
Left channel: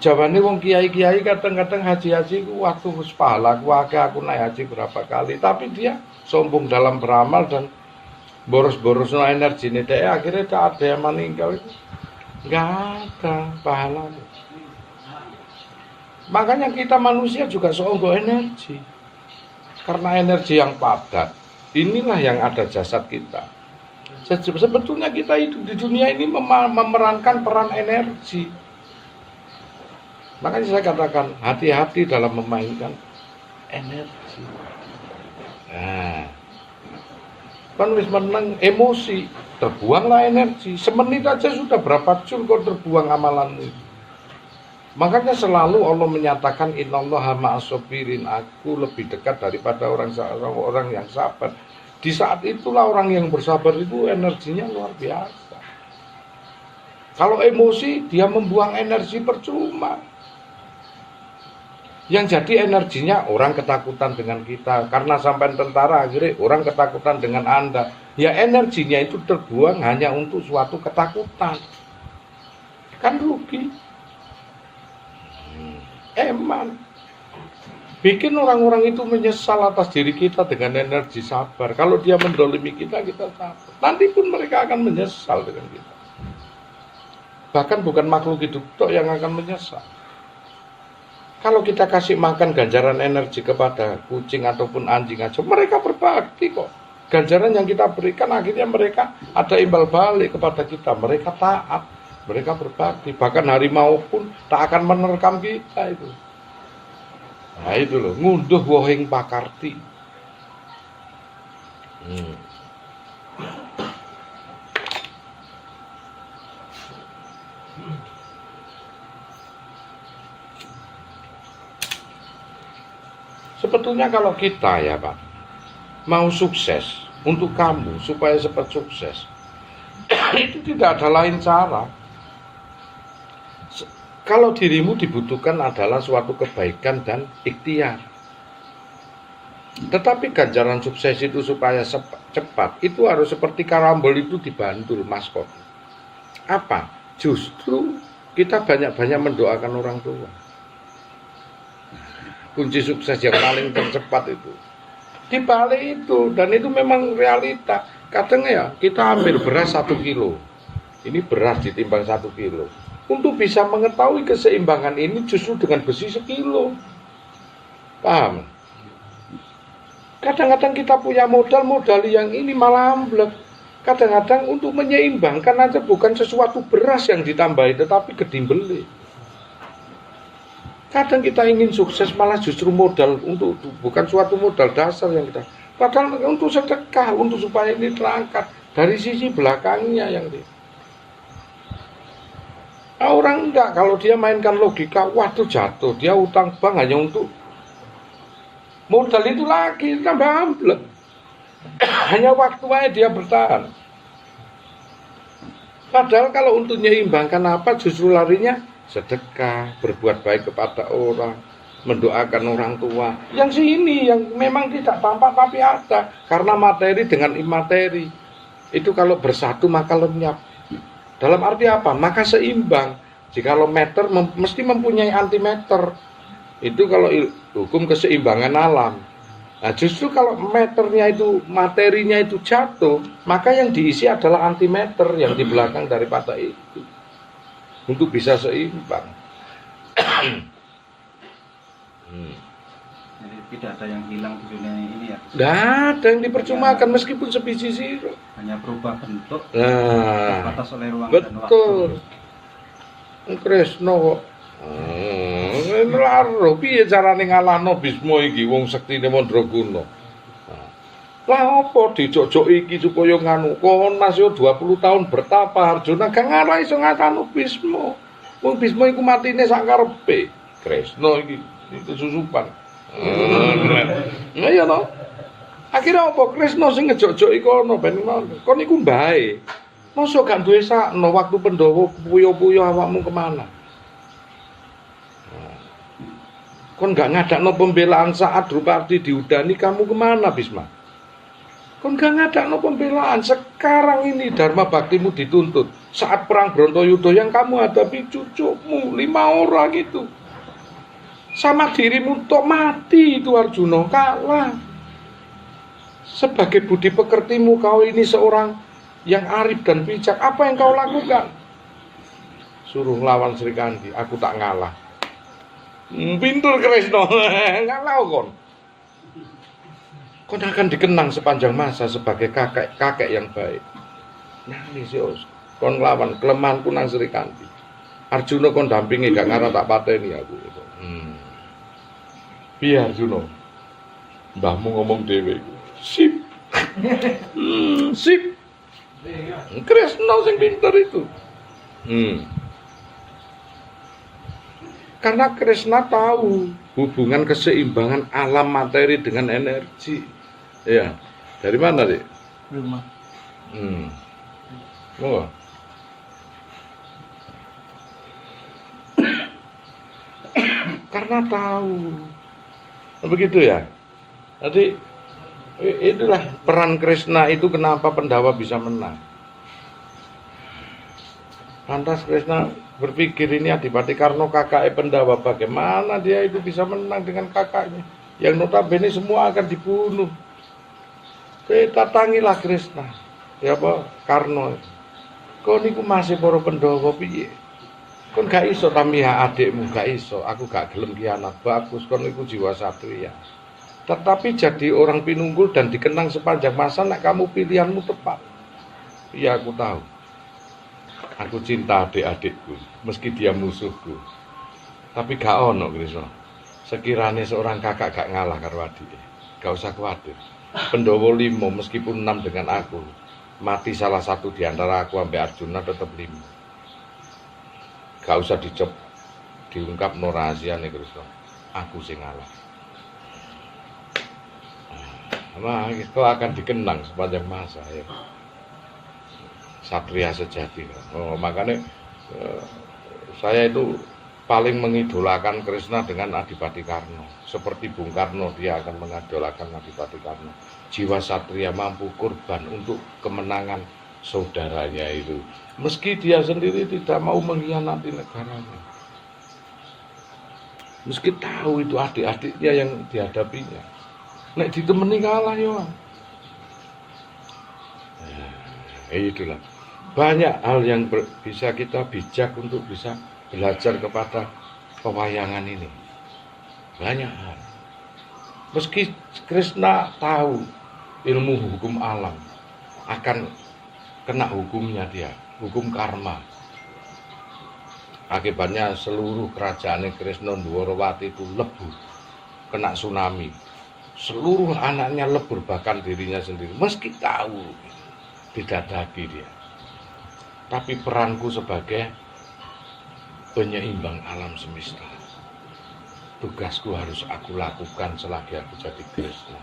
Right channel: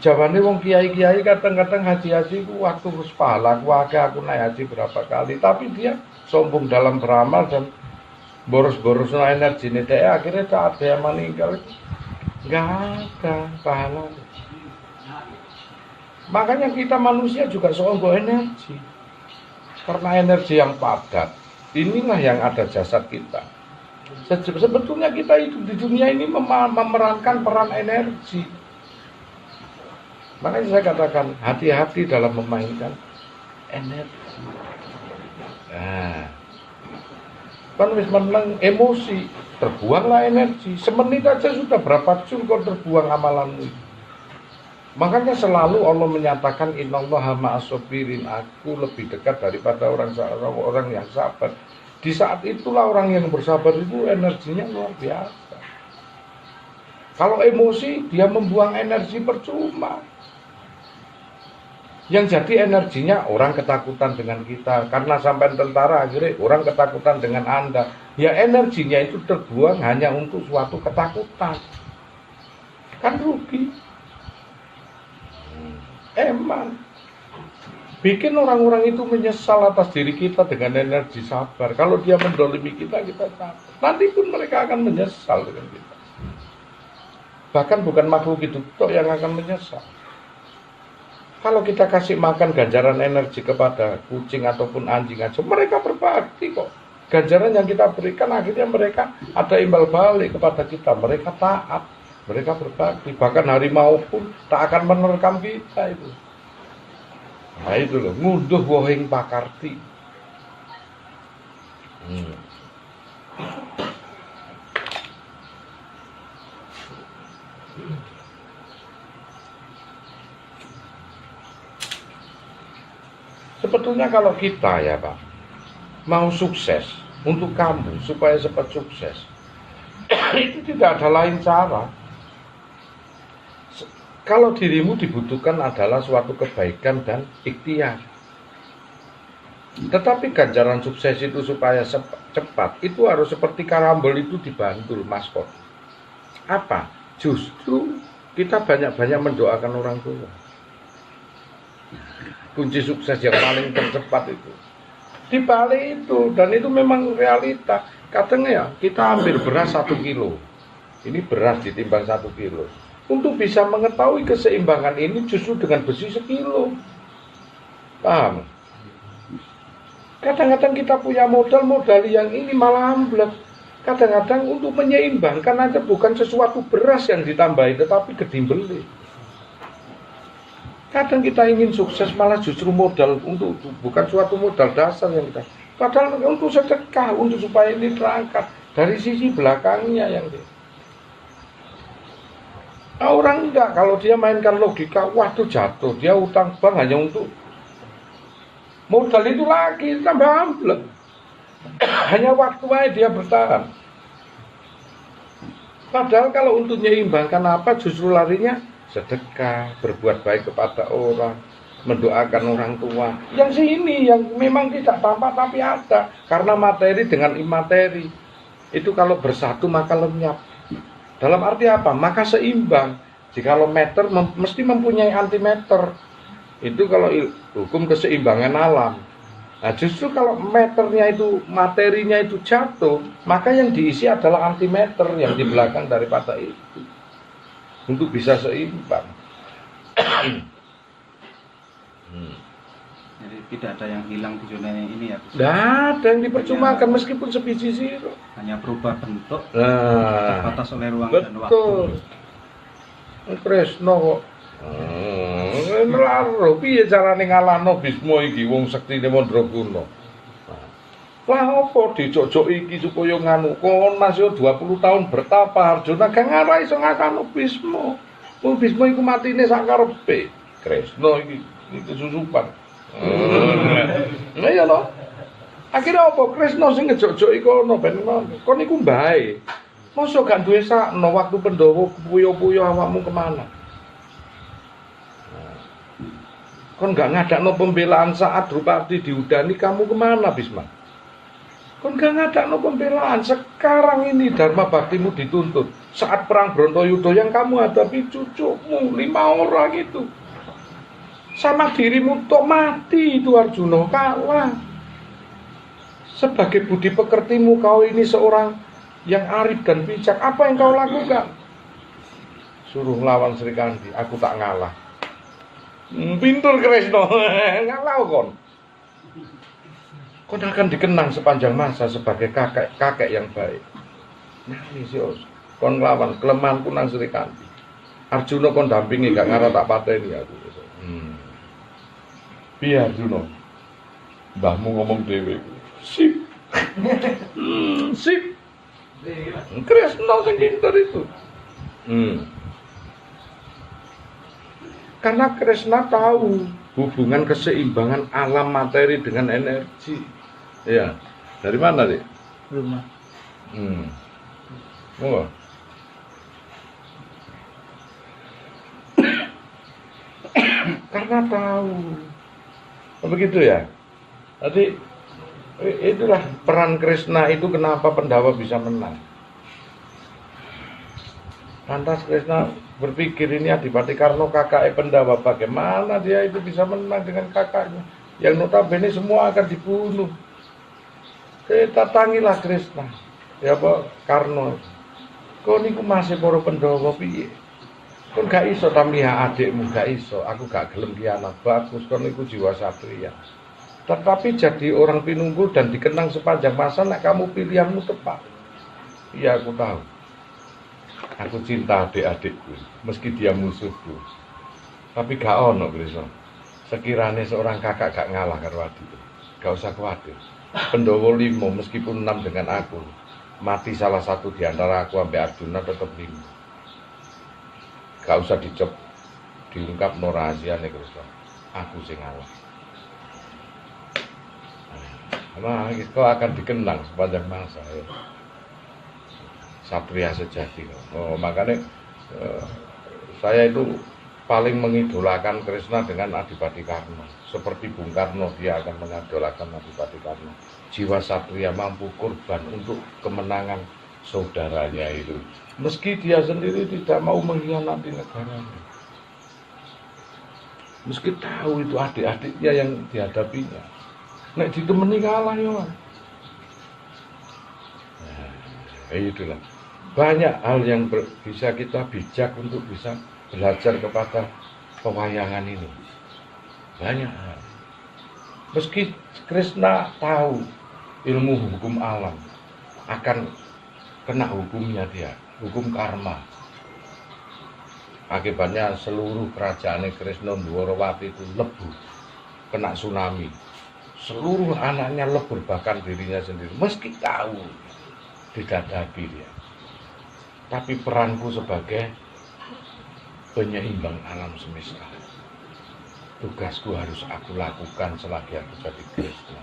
Jawabannya wong kiai-kiai kadang-kadang haji-haji waktu pahala aku naik haji berapa kali, tapi dia sombong dalam beramal dan boros-boros energi ini, akhirnya tak ada yang meninggal. Nggak ada pahala. Makanya kita manusia juga sombong energi. Karena energi yang padat, inilah yang ada jasad kita. Sebetulnya kita itu di dunia ini memerankan peran energi. Makanya saya katakan hati-hati dalam memainkan energi. Nah, kan wis meneng emosi, terbuanglah energi. Semenit aja sudah berapa jul kok terbuang amalanmu. Makanya selalu Allah menyatakan innallaha ma'as-sabirin, aku lebih dekat daripada orang yang sabar. Di saat itulah orang yang bersabar itu energinya luar biasa. Kalau emosi dia membuang energi percuma. Yang jadi energinya orang ketakutan dengan kita. Karena sampai tentara akhirnya orang ketakutan dengan Anda. Ya energinya itu terbuang hanya untuk suatu ketakutan. Kan rugi. Emang. Bikin orang-orang itu menyesal atas diri kita dengan energi sabar. Kalau dia mendolimi kita, kita sabar. Nanti pun mereka akan menyesal dengan kita. Bahkan bukan makhluk hidup yang akan menyesal. Kalau kita kasih makan ganjaran energi kepada kucing ataupun anjing aja, mereka berbakti kok. Ganjaran yang kita berikan akhirnya mereka ada imbal balik kepada kita. Mereka taat, mereka berbakti. Bahkan harimau pun tak akan menerkam kita itu. Nah itu loh, ngunduh wohing pakarti. Sebetulnya kalau kita ya Pak, mau sukses untuk kamu supaya cepat sukses, itu tidak ada lain cara. Kalau dirimu dibutuhkan adalah suatu kebaikan dan ikhtiar. Tetapi ganjaran sukses itu supaya cepat, itu harus seperti karambol itu dibantul maskot. Apa? Justru kita banyak-banyak mendoakan orang tua. Kunci sukses yang paling tercepat itu di balik itu, dan itu memang realita. Kadang ya kita ambil beras 1 kilo, ini beras ditimbang 1 kilo. Untuk bisa mengetahui keseimbangan ini justru dengan besi 1 kilo. Paham? Kadang-kadang kita punya modal yang ini malah amblek. Kadang-kadang untuk menyeimbangkan aja bukan sesuatu beras yang ditambahi, tetapi gedimbeli. Kadang kita ingin sukses malah justru modal untuk bukan suatu modal dasar yang kita. Padahal untuk sedekah, untuk supaya ini terangkat dari sisi belakangnya yang dia. Orang enggak, kalau dia mainkan logika, waduh jatuh, dia utang bank hanya untuk modal itu lagi, tambah amblek. Hanya waktu aja dia bertahan. Padahal kalau untuk menyeimbangkan apa, justru larinya sedekah, berbuat baik kepada orang, mendoakan orang tua. Yang sini yang memang tidak tampak tapi ada, karena materi dengan imateri itu kalau bersatu maka lenyap. Dalam arti apa? Maka seimbang. Jikalau meter mesti mempunyai antimeter. Itu kalau hukum keseimbangan alam. Nah, justru kalau meternya itu, materinya itu jatuh, maka yang diisi adalah antimeter yang di belakang daripada itu. Untuk bisa seimbang. Jadi tidak ada yang hilang di dunia ini ya. Tidak ada yang dipercumakan meskipun sebiji zero. Hanya berubah bentuk, Nah, terbatas oleh ruang dan waktu. betul. Kresna kok. Laro piye carane ngalahno Bisma iki wong sektine Mandraguna. Lah apa dijojok iki supaya nganu Konas yo 20 tahun bertapa Arjuna gak ngarah iso ngatano Bisma. Wong Bisma iku matine sak karepe. Kresna iki kesusupan. Nah ya lho. Akhirnya apa Kresna sing ngejok-joki kono ben ngono. Kon iku mbae. Mosok gak duwe sakno waktu Pandhawa puyo-puyo awakmu kemana? Kon gak ngadakno pembelaan saat Drupadi diudani kamu kemana Bisma? Kon gak ngadakno pembelaan. Sekarang ini dharma baktimu dituntut. Saat perang Brontoyuda yang kamu hadapi cucumu 5 orang itu. Sama dirimu tok mati itu Arjuna, kalah. Sebagai budi pekertimu kau ini seorang yang arif dan bijak. Apa yang kau lakukan? Suruh lawan Srikandi, aku tak ngalah. Pintur Kresna, ngalah kon. Kon akan dikenang sepanjang masa sebagai kakek yang baik. Nah, Lisios, kon nglawan kelemahanku nang Srikandi. Arjuna kon dampingi gak ngarah tak pateni aku. Piye Arjuna? Mbahmu ngomong dhewe. Sip. Sip. Kresna sing pinter itu. Karena Kresna tahu hubungan keseimbangan alam materi dengan energi. Ya. Dari mana, Dik? Rumah. Oh. Karena tahu. Begitu ya. Jadi itulah peran Kresna itu kenapa Pandhawa bisa menang. Lantas Kresna berpikir ini Adipati Karna kakaknya Pandhawa, bagaimana dia itu bisa menang dengan kakaknya yang notabene semua akan dibunuh. Datangilah Kresna. Ya Pak Karna. Kau niku masih para Pandhawa piye? Kon gak iso tamiha adikmu, gak iso. Aku gak gelem ki anak bagus, kon niku jiwa satria. Tetapi jadi orang pinunggul dan dikenang sepanjang masa nek kamu pilihanmu tepat. Iya aku tahu. Aku cinta adik-adikku, meski dia musuhku. Tapi gak ono Kresna. Sekiranya seorang kakak gak ngalah karo adike, gak usah khawatir. Pandhawa 5 meskipun 6 dengan aku, mati salah satu di antara aku sampai Arjuna tetap 5. Gak usah diungkap no rahasiane Kresna. Aku sing ngalah. Nah, kau akan dikenang sepanjang masa ya. Satria sejati. Oh, makanya saya itu paling mengidolakan Kresna dengan Adipati Karna. Seperti Bung Karno, dia akan mengidolakan Adipati Karna. Jiwa satria mampu korban untuk kemenangan saudaranya itu. Meski dia sendiri tidak mau mengkhianati negaranya. Meski tahu itu adik-adiknya yang dihadapinya. Nek ditemeni kalah ya. Itulah. Banyak hal yang bisa kita bijak untuk bisa belajar kepada pewayangan ini. Banyak hal. Meski Krishna tahu ilmu hukum alam, akan kena hukumnya dia, hukum karma. Akibatnya seluruh kerajaan Krishna Dwarawati itu lebur, kena tsunami. Seluruh anaknya lebur, bahkan dirinya sendiri. Meski tahu, didadaki dia. Tapi peranku sebagai penyeimbang alam semesta, tugasku harus aku lakukan selagi aku jadi Krishna.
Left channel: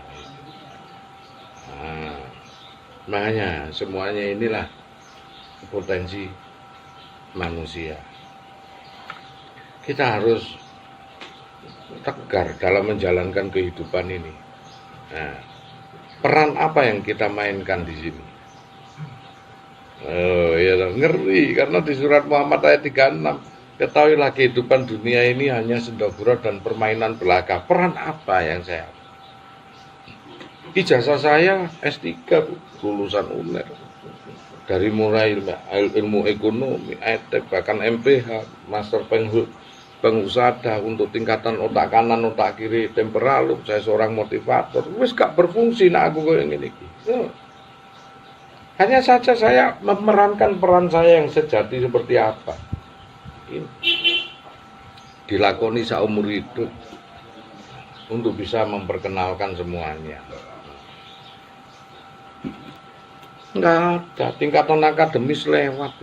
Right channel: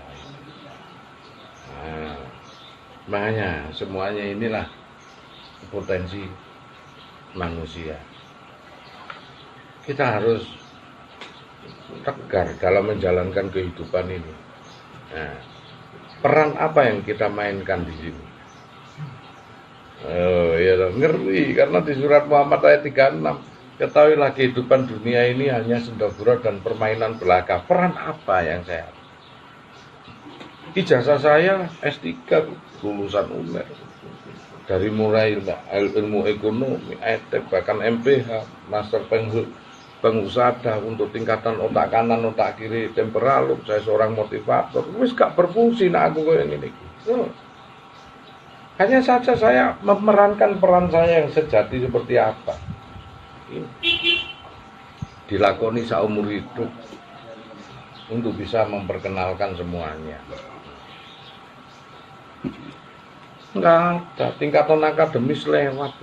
Makanya semuanya inilah potensi manusia. Kita harus tegar dalam menjalankan kehidupan ini. Nah, peran apa yang kita mainkan di sini? Ya ngeri, karena di surat Muhammad ayat 36, ketahuilah kehidupan dunia ini hanya senda-gurau dan permainan belaka. Peran apa yang saya? Ijazah saya S3, lulusan UNER. Dari mulai ilmu ekonomi, ETEK, bahkan MPH, Master Pengusaha untuk tingkatan otak kanan, otak kiri, temperalum. Saya seorang motivator. Wis gak berfungsi nak aku kayak gini. Hanya saja saya memerankan peran saya yang sejati seperti apa. Dilakoni seumur hidup untuk bisa memperkenalkan semuanya. Enggak ada, tingkatan akademis lewat.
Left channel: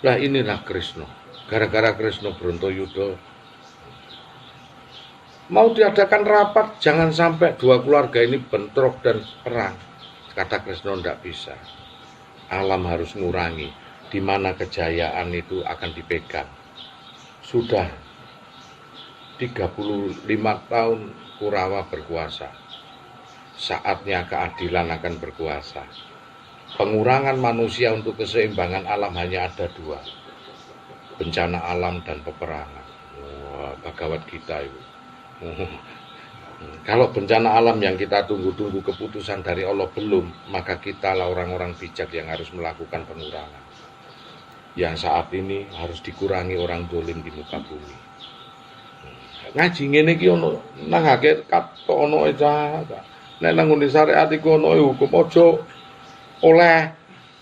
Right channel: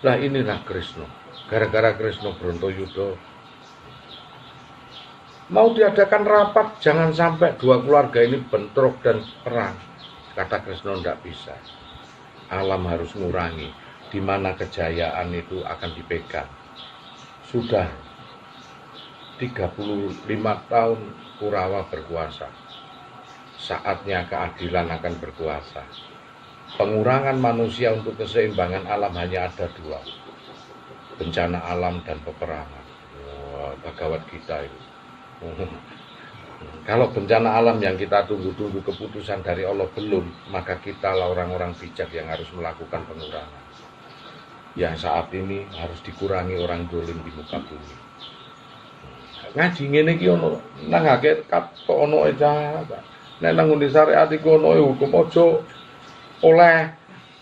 Nah inilah Krishna. Gara-gara Krishna Brontoyuda mau diadakan rapat, jangan sampai dua keluarga ini bentrok dan perang. Kata Krishna tidak bisa. Alam harus ngurangi, di mana kejayaan itu akan dipegang. Sudah 35 tahun Kurawa berkuasa. Saatnya keadilan akan berkuasa. Pengurangan manusia untuk keseimbangan alam hanya ada dua. Bencana alam dan peperangan. Bhagavad Gita itu. Kalau bencana alam yang kita tunggu-tunggu keputusan dari Allah belum, maka kitalah orang-orang bijak yang harus melakukan pengurangan. Yang saat ini harus dikurangi orang dolim di muka bumi. Ngaji ngene iki ono nang hakikat kok ono aja. Nek nang ngendi syariat iku ono hukum aja oleh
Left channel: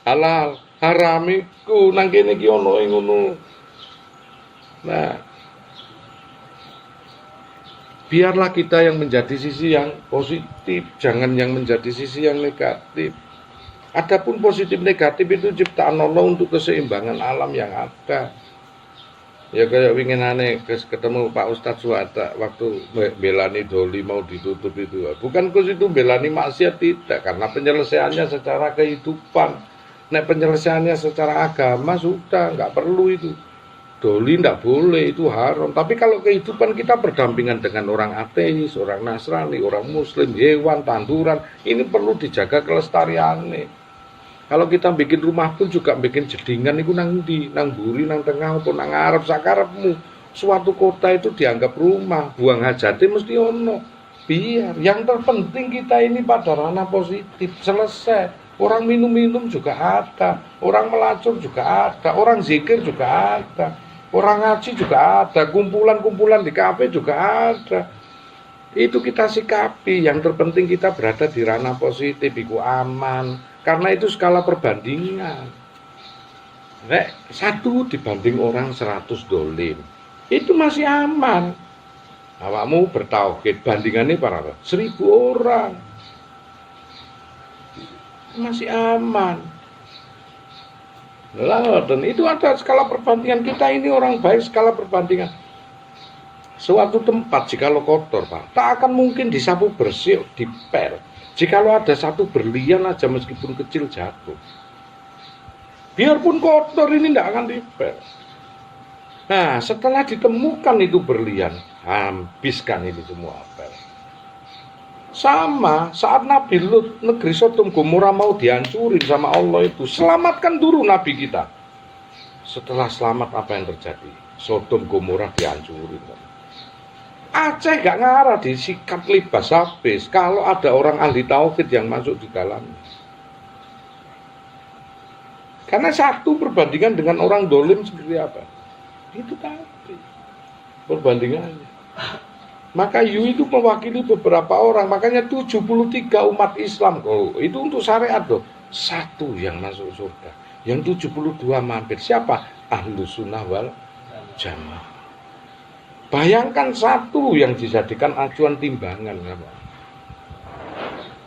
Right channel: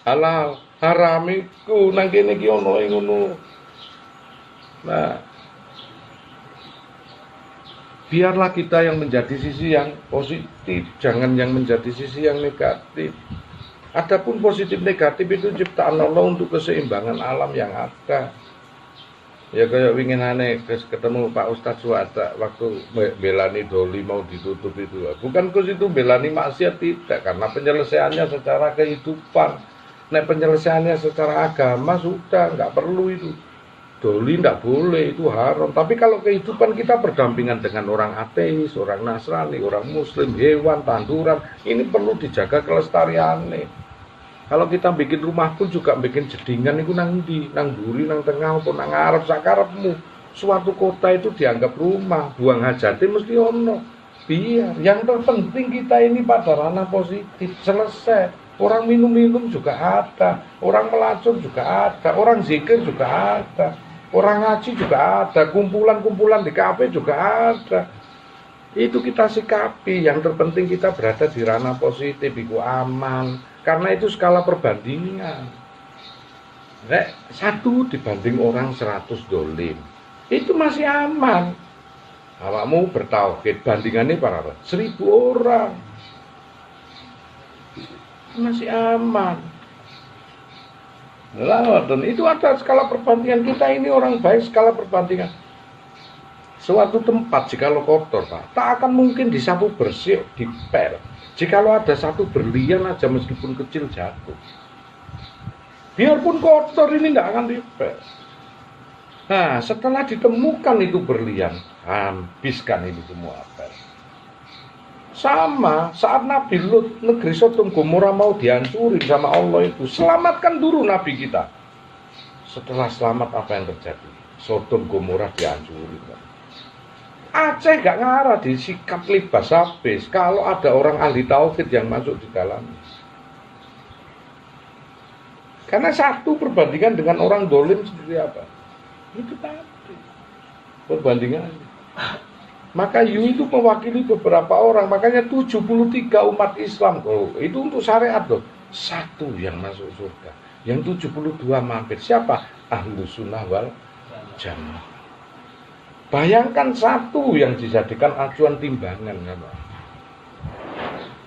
halal haram iku nang kene iki ono ngono. Nah, biarlah kita yang menjadi sisi yang positif, jangan yang menjadi sisi yang negatif. Adapun positif negatif itu ciptaan Allah untuk keseimbangan alam yang ada. Ya kayak winginane ketemu Pak Ustadz Suwata waktu belani doli mau ditutup itu. Bukan ke situ belani maksiat, tidak, karena penyelesaiannya secara kehidupan. Nek penyelesaiannya secara agama sudah nggak perlu itu. Doli tidak boleh, itu haram. Tapi kalau kehidupan kita berdampingan dengan orang ateis, orang Nasrani, orang Muslim, hewan, tanduran, ini perlu dijaga kelestariannya. Kalau kita bikin rumah pun juga bikin jedingan itu nang di, nang buri, nang tengah, atau nang ngarep, sakarepmu. Suatu kota itu dianggap rumah, buang hajatnya mesti ono. Biar, yang terpenting kita ini pada ranah positif, selesai. Orang minum-minum juga ada, orang melacur juga ada, orang zikir juga ada. Orang ngaji juga ada, kumpulan-kumpulan di kafe juga ada. Itu kita sikapi, yang terpenting kita berada di ranah positif, itu aman. Karena itu skala perbandingan. Nek, 1 dibanding orang 100 dolim, itu masih aman. Awakmu bertauhid, bandingannya para 1000 orang. Masih aman. Dan itu ada skala perbandingan. Kita ini orang baik, skala perbandingan. Suatu tempat jikalau kotor, Pak, tak akan mungkin disapu bersih, dipel. Jikalau ada satu berlian aja meskipun kecil jatuh, biarpun kotor ini tidak akan dipel. Nah, setelah ditemukan itu berlian, habiskan ini semua apel. Sama saat Nabi Lut, negeri Sodom Gomora mau dihancurin sama Allah itu, selamatkan dulu Nabi kita. Setelah selamat apa yang terjadi? Sodom Gomora dihancurin. Aceh gak ngarah disikat libas habis kalau ada orang ahli tauhid yang masuk di dalamnya. Karena satu perbandingan dengan orang dolim seperti apa? Itu tadi perbandingannya. Maka Yu itu mewakili beberapa orang, makanya 73 umat Islam. Oh, itu untuk syariat loh. Satu yang masuk surga, yang 72 mampir. Siapa? Ahlus Sunnah wal Jamaah. Bayangkan satu yang dijadikan acuan timbangan memang.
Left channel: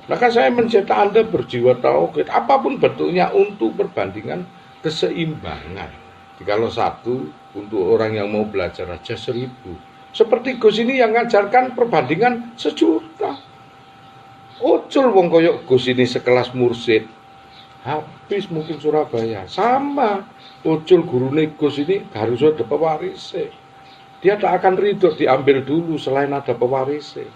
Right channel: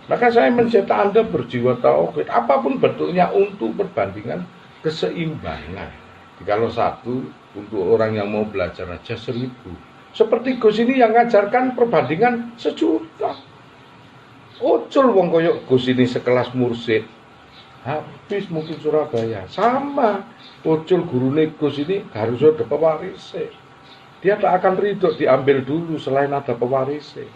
Maka saya mencetak Anda berjiwa tauhid, apapun bentuknya untuk perbandingan keseimbangan. Kalau satu untuk orang yang mau belajar aja 1000. Seperti Gus ini yang ngajarkan perbandingan 1.000.000. Ocul wong koyok Gus ini sekelas mursid. Habis mungkin Surabaya. Sama Ocul gurune Gus ini harus ada pewarisnya. Dia tidak akan ridho diambil dulu selain ada pewarisnya.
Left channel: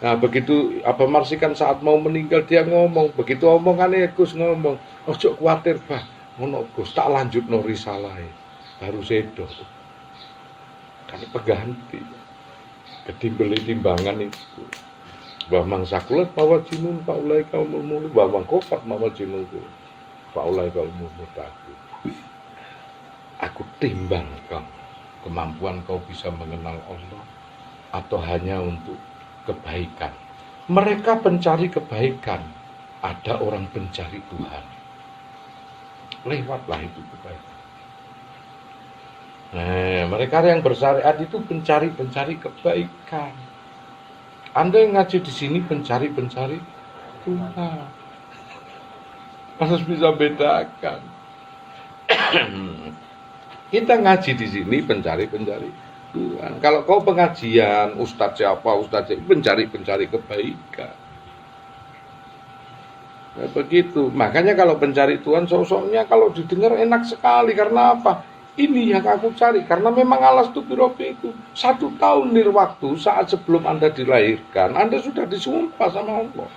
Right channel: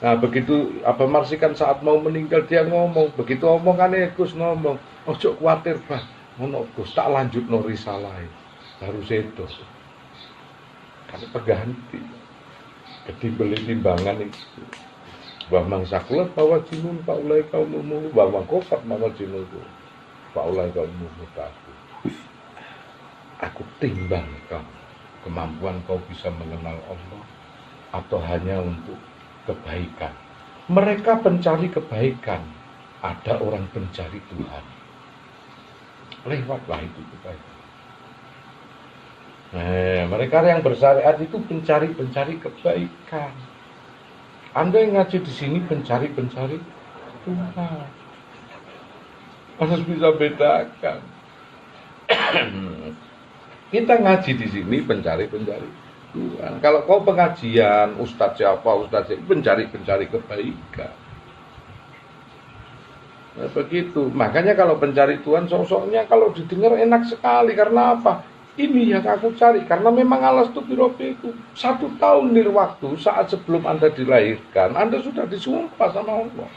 Nah begitu Abah Marsikan saat mau meninggal dia ngomong, begitu omongannya Gus ngomong, ojo khawatir bah, ngono Gus tak lanjut no risalah, harus itu. Karena pengganti, ketimbeli timbangan itu. Bahwa mangsakulat bahwa jinun paulai kaumul mulu, bahwa kofat bahwa jinun paulai kaumul mutaku. Aku timbang kamu. Kemampuan kau bisa mengenal Allah atau hanya untuk kebaikan. Mereka pencari kebaikan, ada orang pencari Tuhan. Lewatlah itu kebaikan. Mereka yang bersyariat itu pencari kebaikan. Anda yang ngaji di sini pencari Tuhan. Harus bisa bedakan. Kita ngaji di sini pencari Tuhan. Kalau kau pengajian, ustadz siapa, pencari kebaikan. Ya, begitu. Makanya kalau pencari Tuhan, sosoknya kalau didengar enak sekali. Karena apa? Ini yang aku cari. Karena memang alas tubirobi itu 1 tahun nirwaktu saat sebelum Anda dilahirkan, Anda sudah disumpah sama Allah.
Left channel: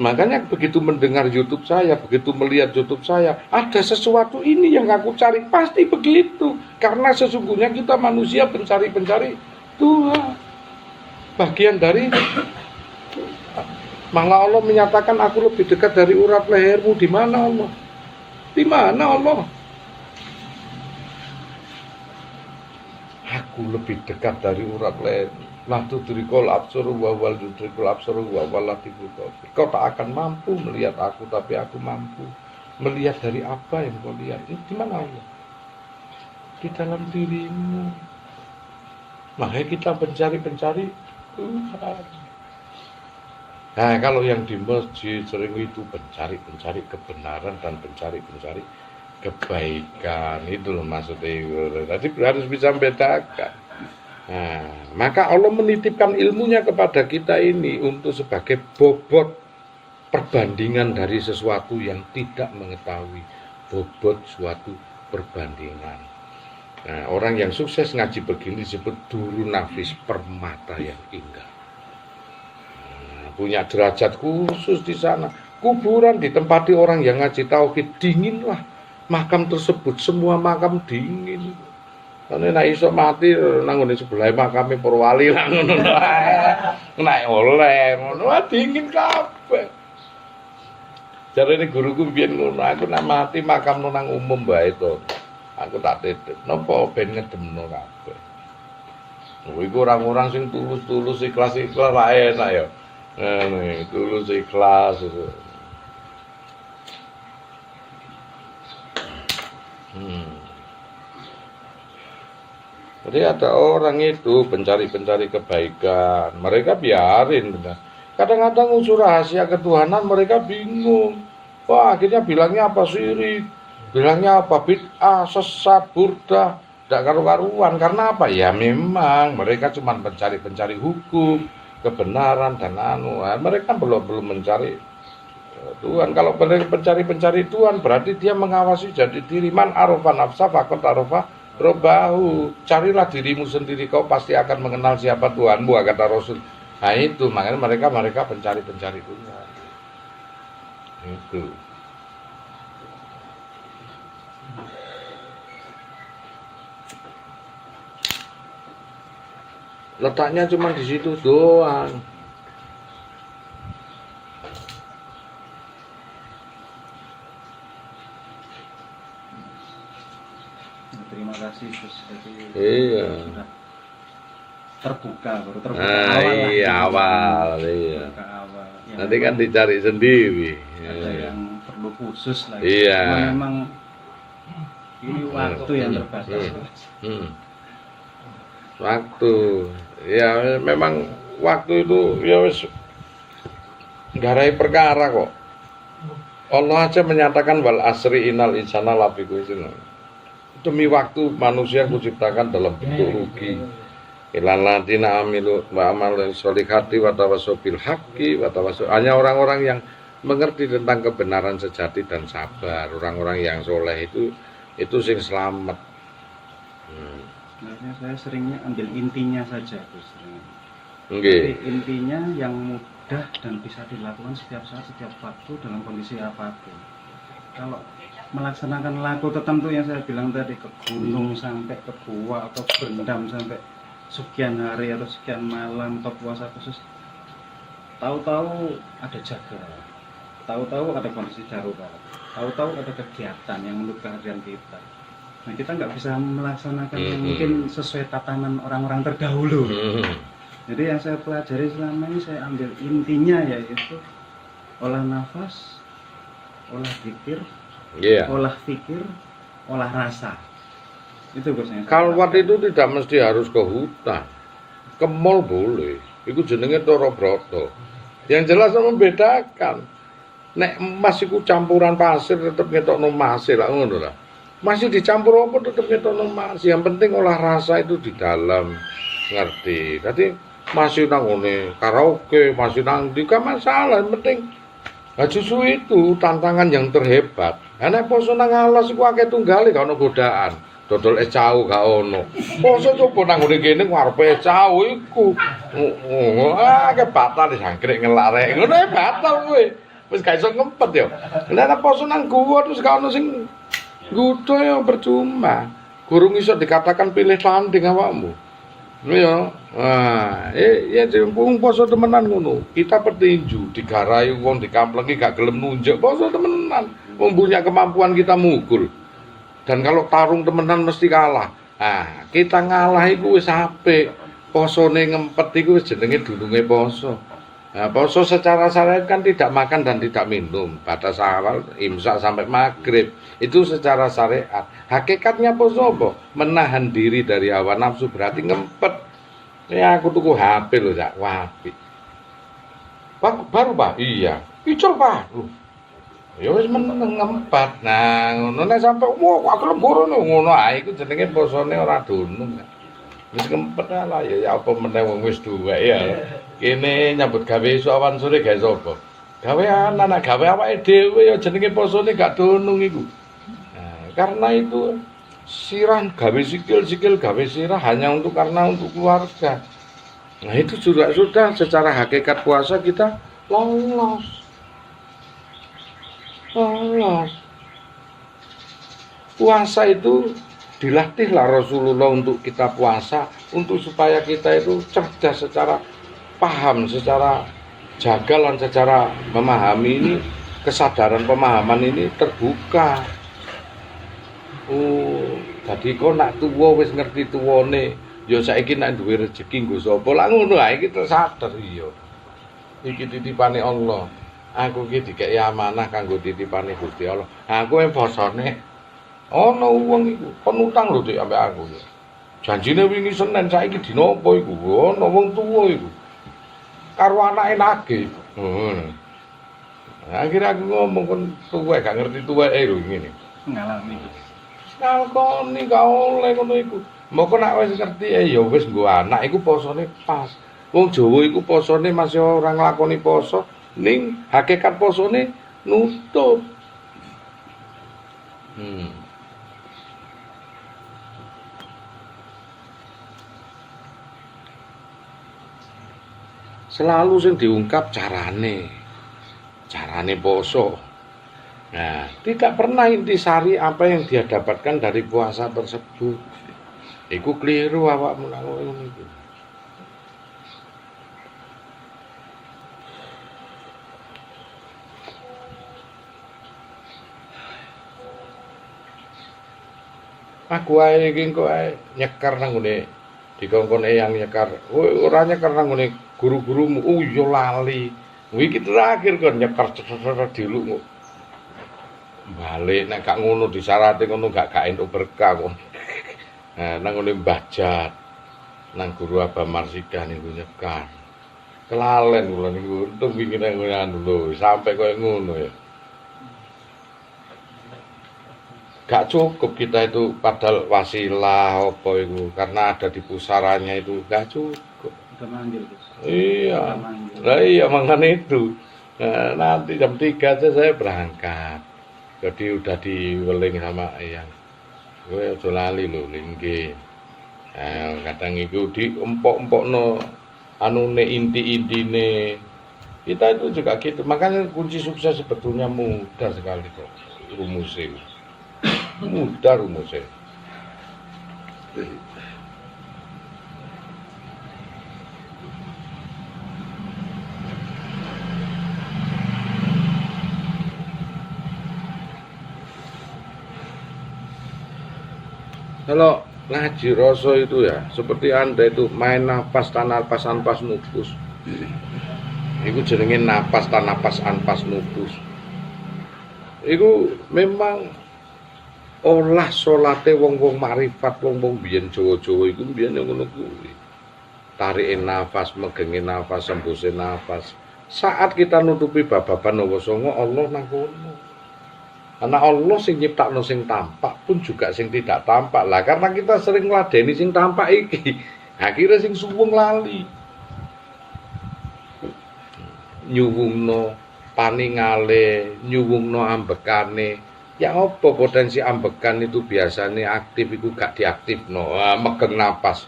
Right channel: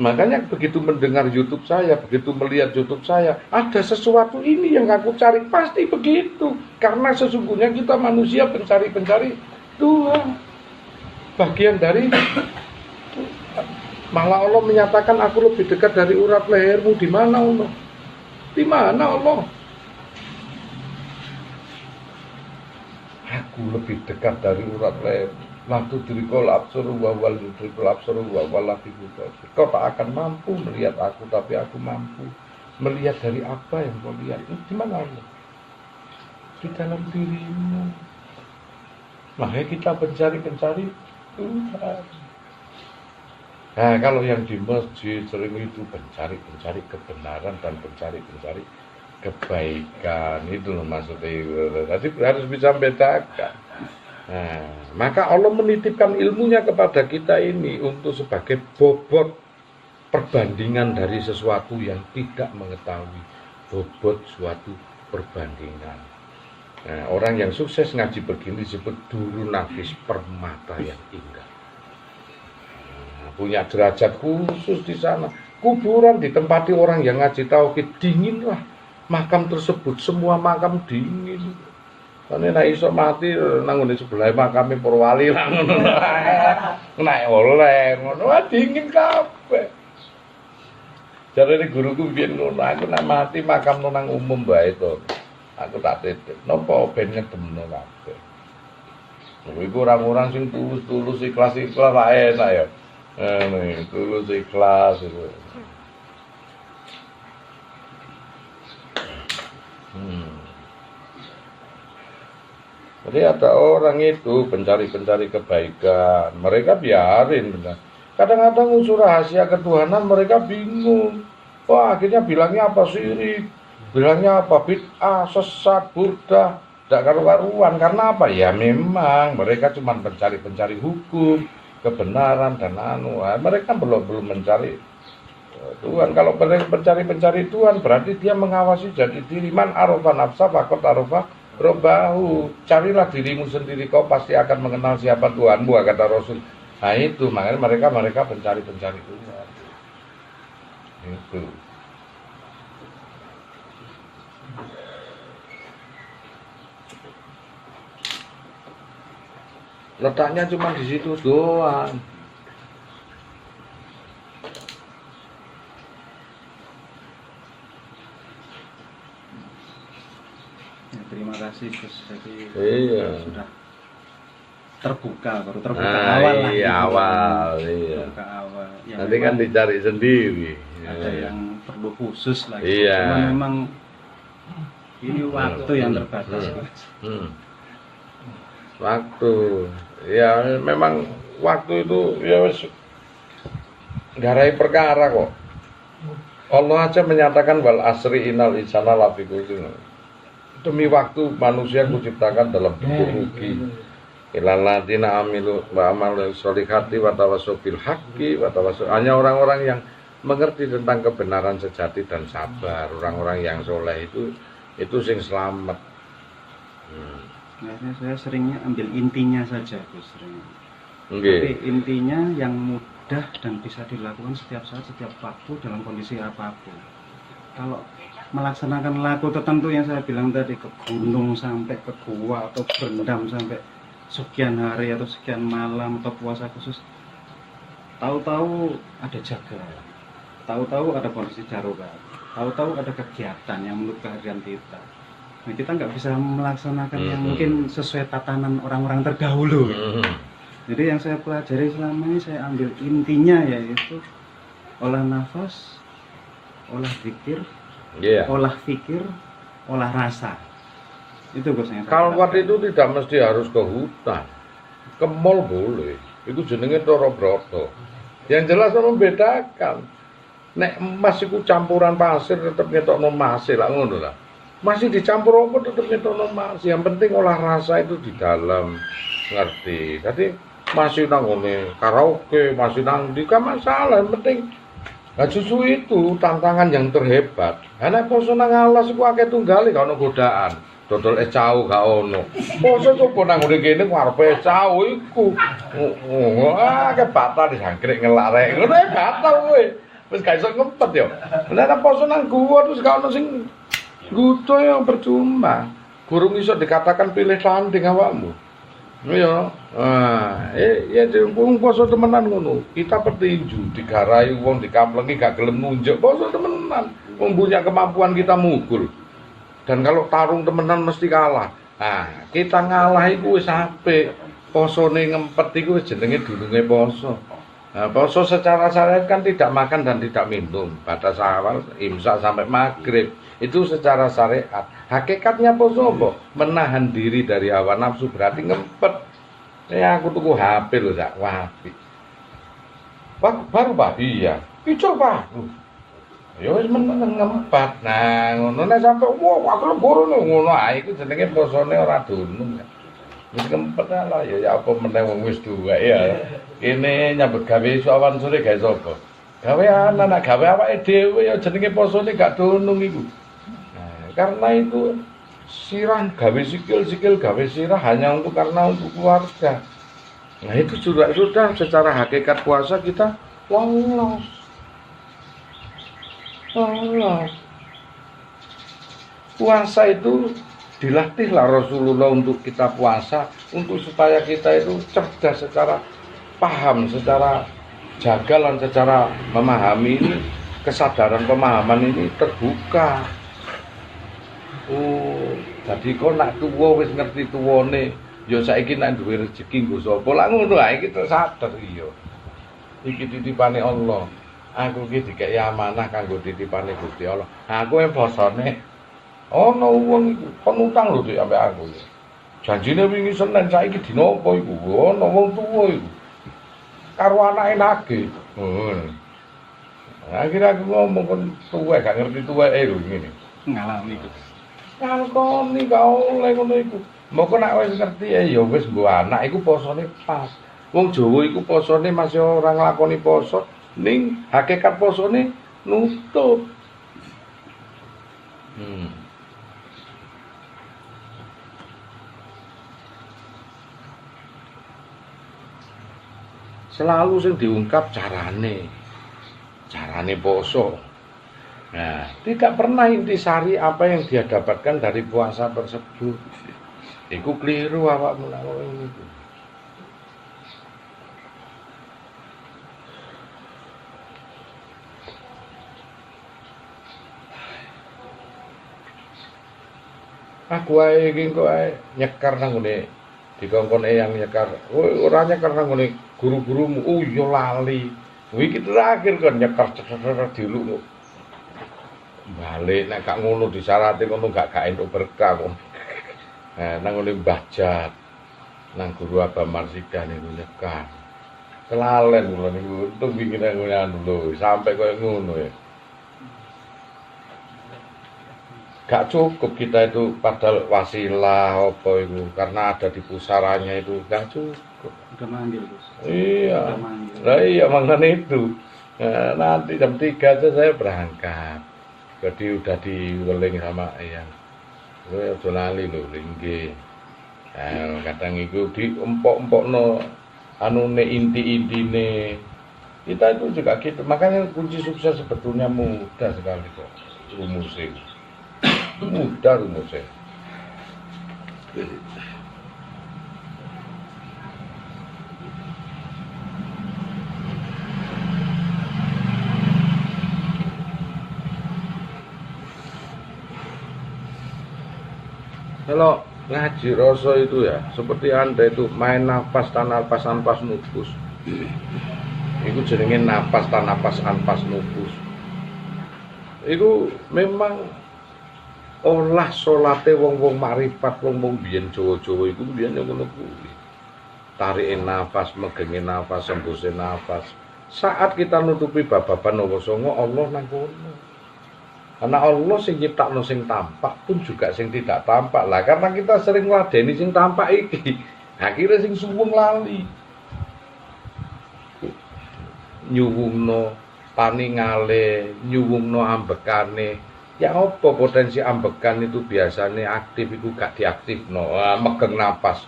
Makanya begitu mendengar YouTube saya, begitu melihat YouTube saya, ada sesuatu ini yang aku cari, pasti begitu. Karena sesungguhnya kita manusia pencari Tuhan. Bagian dari malah Allah menyatakan aku lebih dekat dari urat lehermu. Di mana Allah? Di mana Allah? Aku lebih dekat dari urat lehermu. Latu dirikol absuru wa wal dirikol absuru wa walatiku. Kau tak akan mampu melihat aku, tapi aku mampu melihat dari apa yang kau lihat. Ini di mana Allah? Di dalam dirimu. Makanya kita pencari Tuhan. Nah kalau yang di masjid sering itu pencari kebenaran dan pencari kebaikan, itu loh maksudnya. Jadi harus bisa membedakan. Nah, maka Allah menitipkan ilmunya kepada kita ini untuk sebagai bobot perbandingan dari sesuatu yang tidak mengetahui, bobot suatu perbandingan. Nah, orang yang sukses ngaji begini disebut duru nafis, permata yang indah. Punya derajat khusus di sana. Kuburan ditempati orang yang ngaji tauhid, dinginlah makam tersebut, semua makam dingin. Nek nek iso mati nang ngene sebelah makame para wali lah ngono. Nek oleh ngono dingin kabeh. Jarene guruku biyen ngono, aku nek mati makam nang umum bae to. Aku tak titip. Napa ben ngedemno kabeh. Iku orang-orang sing tulus-tulus ikhlas-ikhlas wae enak ya. Tulus ikhlas itu. Jadi ada orang itu pencari kebaikan, mereka biarin. Kadang-kadang unsur rahasia ketuhanan mereka bingung. Oh akhirnya bilangnya apa syirik, bilangnya apa bid'ah, sesat, burdah, tidak karu-karuan. Karena apa? Ya memang mereka cuma pencari hukum, kebenaran dan mereka belum mencari Tuhan. Kalau mereka pencari Tuhan berarti dia mengawasi jadi diri. Man arofa nafsa fakot arofa Robahu, carilah dirimu sendiri, kau pasti akan mengenal siapa Tuhanmu, kata Rasul. Nah itu, makanya mereka pencari-pencari Tuhan. Itu. Letaknya cuma di situ doang. Terima kasih Gus. Jadi Iya. sudah baru terbuka Nah, awal lah. iya, gitu. awal, iya. Terbuka awal. Yang Nanti kan memang dicari sendiri. ada yang perlu khusus lagi. Iya. Karena memang ini waktu yang terbatas. Hmm. Waktu, ya memang waktu itu ya wis garai perkara kok. Allah aja menyatakan wal asri innal insana lafi khusr. Demi waktu manusia kuciptakan dalam bentuk rugi. Ilal ladina amilu wa amalu sholihati wa tawassaw bil haqqi wa tawassaw. Hanya orang-orang yang mengerti tentang kebenaran sejati dan sabar. Orang-orang yang soleh itu sing selamat. Biasanya saya seringnya ambil intinya saja Gus. Nggih. Tapi intinya yang mudah dan bisa dilakukan setiap saat, setiap waktu dalam kondisi apapun. Kalau melaksanakan laku tertentu yang saya bilang tadi, ke gunung sampai ke gua atau berendam sampai sekian hari atau sekian malam atau puasa khusus, tahu-tahu ada jaga, tahu-tahu ada kondisi darurat, tahu-tahu ada kegiatan yang menurut kehadiran kita. Nah, kita nggak bisa melaksanakan yang mungkin sesuai tatanan orang-orang terdahulu. Jadi yang saya pelajari selama ini, saya ambil intinya yaitu olah nafas, olah zikir, Iya. olah pikir, olah rasa. Itu Gus. Kalwat itu tidak mesti harus ke hutan, ke mall boleh. Itu jenenge Toro Broto. Yang jelas membedakan. Nek emas itu campuran pasir tetap ngetokno masih lah ngono lah. Masih dicampur apa tetap ngetokno masih. Yang penting olah rasa itu di dalam, ngerti. Tadi masih nang ngene karaoke, masih nang di masalah, yang penting. Nah, justru itu tantangan yang terhebat. Karena poso nang alas iku akeh tunggale gak ono godaan. Dodol es cau gak ono. Poso coba nang ngene kene ngarepe es cau iku. Akeh batal disangkrek ngelak rek. Ngono batal kowe. Wis gak iso ngempet yo. Nek poso nang gua terus gak ono sing gudo yang percuma. Gurung iso dikatakan pilih tanding awakmu. Iya. Wah, ya wong poso temenan ngono. Kita petinju digarai wong dikamplengi gak gelem nunjuk. Poso temenan. Wong punya kemampuan kita mukul. Dan kalau tarung temenan mesti kalah. Nah, kita ngalah iku wis apik. Posone ngempet iku wis jenenge dulunge poso. Nah, poso secara syariat kan tidak makan dan tidak minum. Batas awal imsak sampai maghrib. Itu secara syariat. Hakikatnya poso apa? Menahan diri dari hawa nafsu, berarti ngempet. Ya aku tuku HP loh, Cak. Wah, Pak, baru Pak? Iya. Icul Pak. Ya wis meneng ngempet. Nah, ngono nek sampe aku lembur ngono ae iku jenenge posone ora dunung. Wis ngempet lah ya apa meneh wong wis duwe ya. Kene nyambut gawe esuk awan sore gawe sapa? Gawe anak gawe awake dhewe ya jenenge posone gak dunung iku. Nah, karena itu sirah gawe sikil gawe sirah hanya karena untuk keluarga. Nah itu juga sudah secara hakikat puasa kita lolos. Puasa itu dilatihlah Rasulullah untuk kita puasa, untuk supaya kita itu cerdas secara paham, secara jagalan, secara memahami ini, kesadaran pemahaman ini terbuka. Oh, jadi kok nak tuwa wis ngerti tuwane, ya saiki nak duwe rezeki nggo sapa? Lah ngono ae iki tersadar iya. Iki titipane Allah. Aku iki dikeki amanah kanggo titipane Gusti Allah. Aku posone ono wong iku penutang lho Dik ambek aku. Janjine wingi Senin saiki dina apa iku? Ono wong tuwa iku. Karo anake nagih. Akhirnya aku ngomong kon tuwa gak ngerti tuweke lho ngene. Ngalami. Ngalkoni gak oleh ngono iku. Moko nek wis ngerti ya wis nggo anak iku posone pas. Wong Jawa iku posone masih ora nglakoni poso, ning hakikat posone nutut. selalu sing diungkap carane poso. Nah, tidak pernah intisari apa yang dia dapatkan dari puasa tersebut. Iku keliru awakmu lak ngono iku. Aku ae iki kok ae nyekar nang ngene dikongkon eyang nyekar. Ora nyekar nang ngene guru-gurumu. Oh iya lali. Iki terakhir kon nyekar diluk. Balik nek gak ngono disyarate ngono gak entuk berkah kok. Nah, nang ngene Mbah Jat. Nang guru Abah Marsida niku nyekar. Kelalen kula niku untung iki nang ngene anu lho, sampai koyo ngono ya. Gak cukup kita itu padahal wasilah apa itu karena ada di pusaranya itu gak cukup. Udah manggil, Gus. Iya. Udah manggil. Lah iya makanya itu. Nah, nanti jam 3 aja saya berangkat. Jadi udah diweling sama ayang. Kowe aja lali lho nggih. Nah, kadang itu diempok-empokno anune inti-intine. Kita itu juga gitu. Makanya kunci sukses sebetulnya mudah sekali kok rumusnya. Mudah rumusnya. Kalau ngaji rasa itu ya seperti Anda itu main nafas tanpa nafas anpas nufus. Itu jenenge nafas tanpa nafas anpas nufus. Itu memang olah salate wong-wong makrifat wong-wong biyen Jawa-Jawa iku biyen ngono kuwi. Tarike nafas, megenge nafas, embuse nafas. Saat kita nutupi bababan Nawa Songo Allah nang kono. Karena Allah sing nyiptakno sing tampak pun juga sing tidak tampak. Lah karena kita sering ngladeni sing tampak iki, akhirnya sing suwung lali. Nyuwungno paningale, nyuwungno ambekane. Ya apa potensi ambekan itu biasanya aktif itu gak diaktifno. Megeng napas.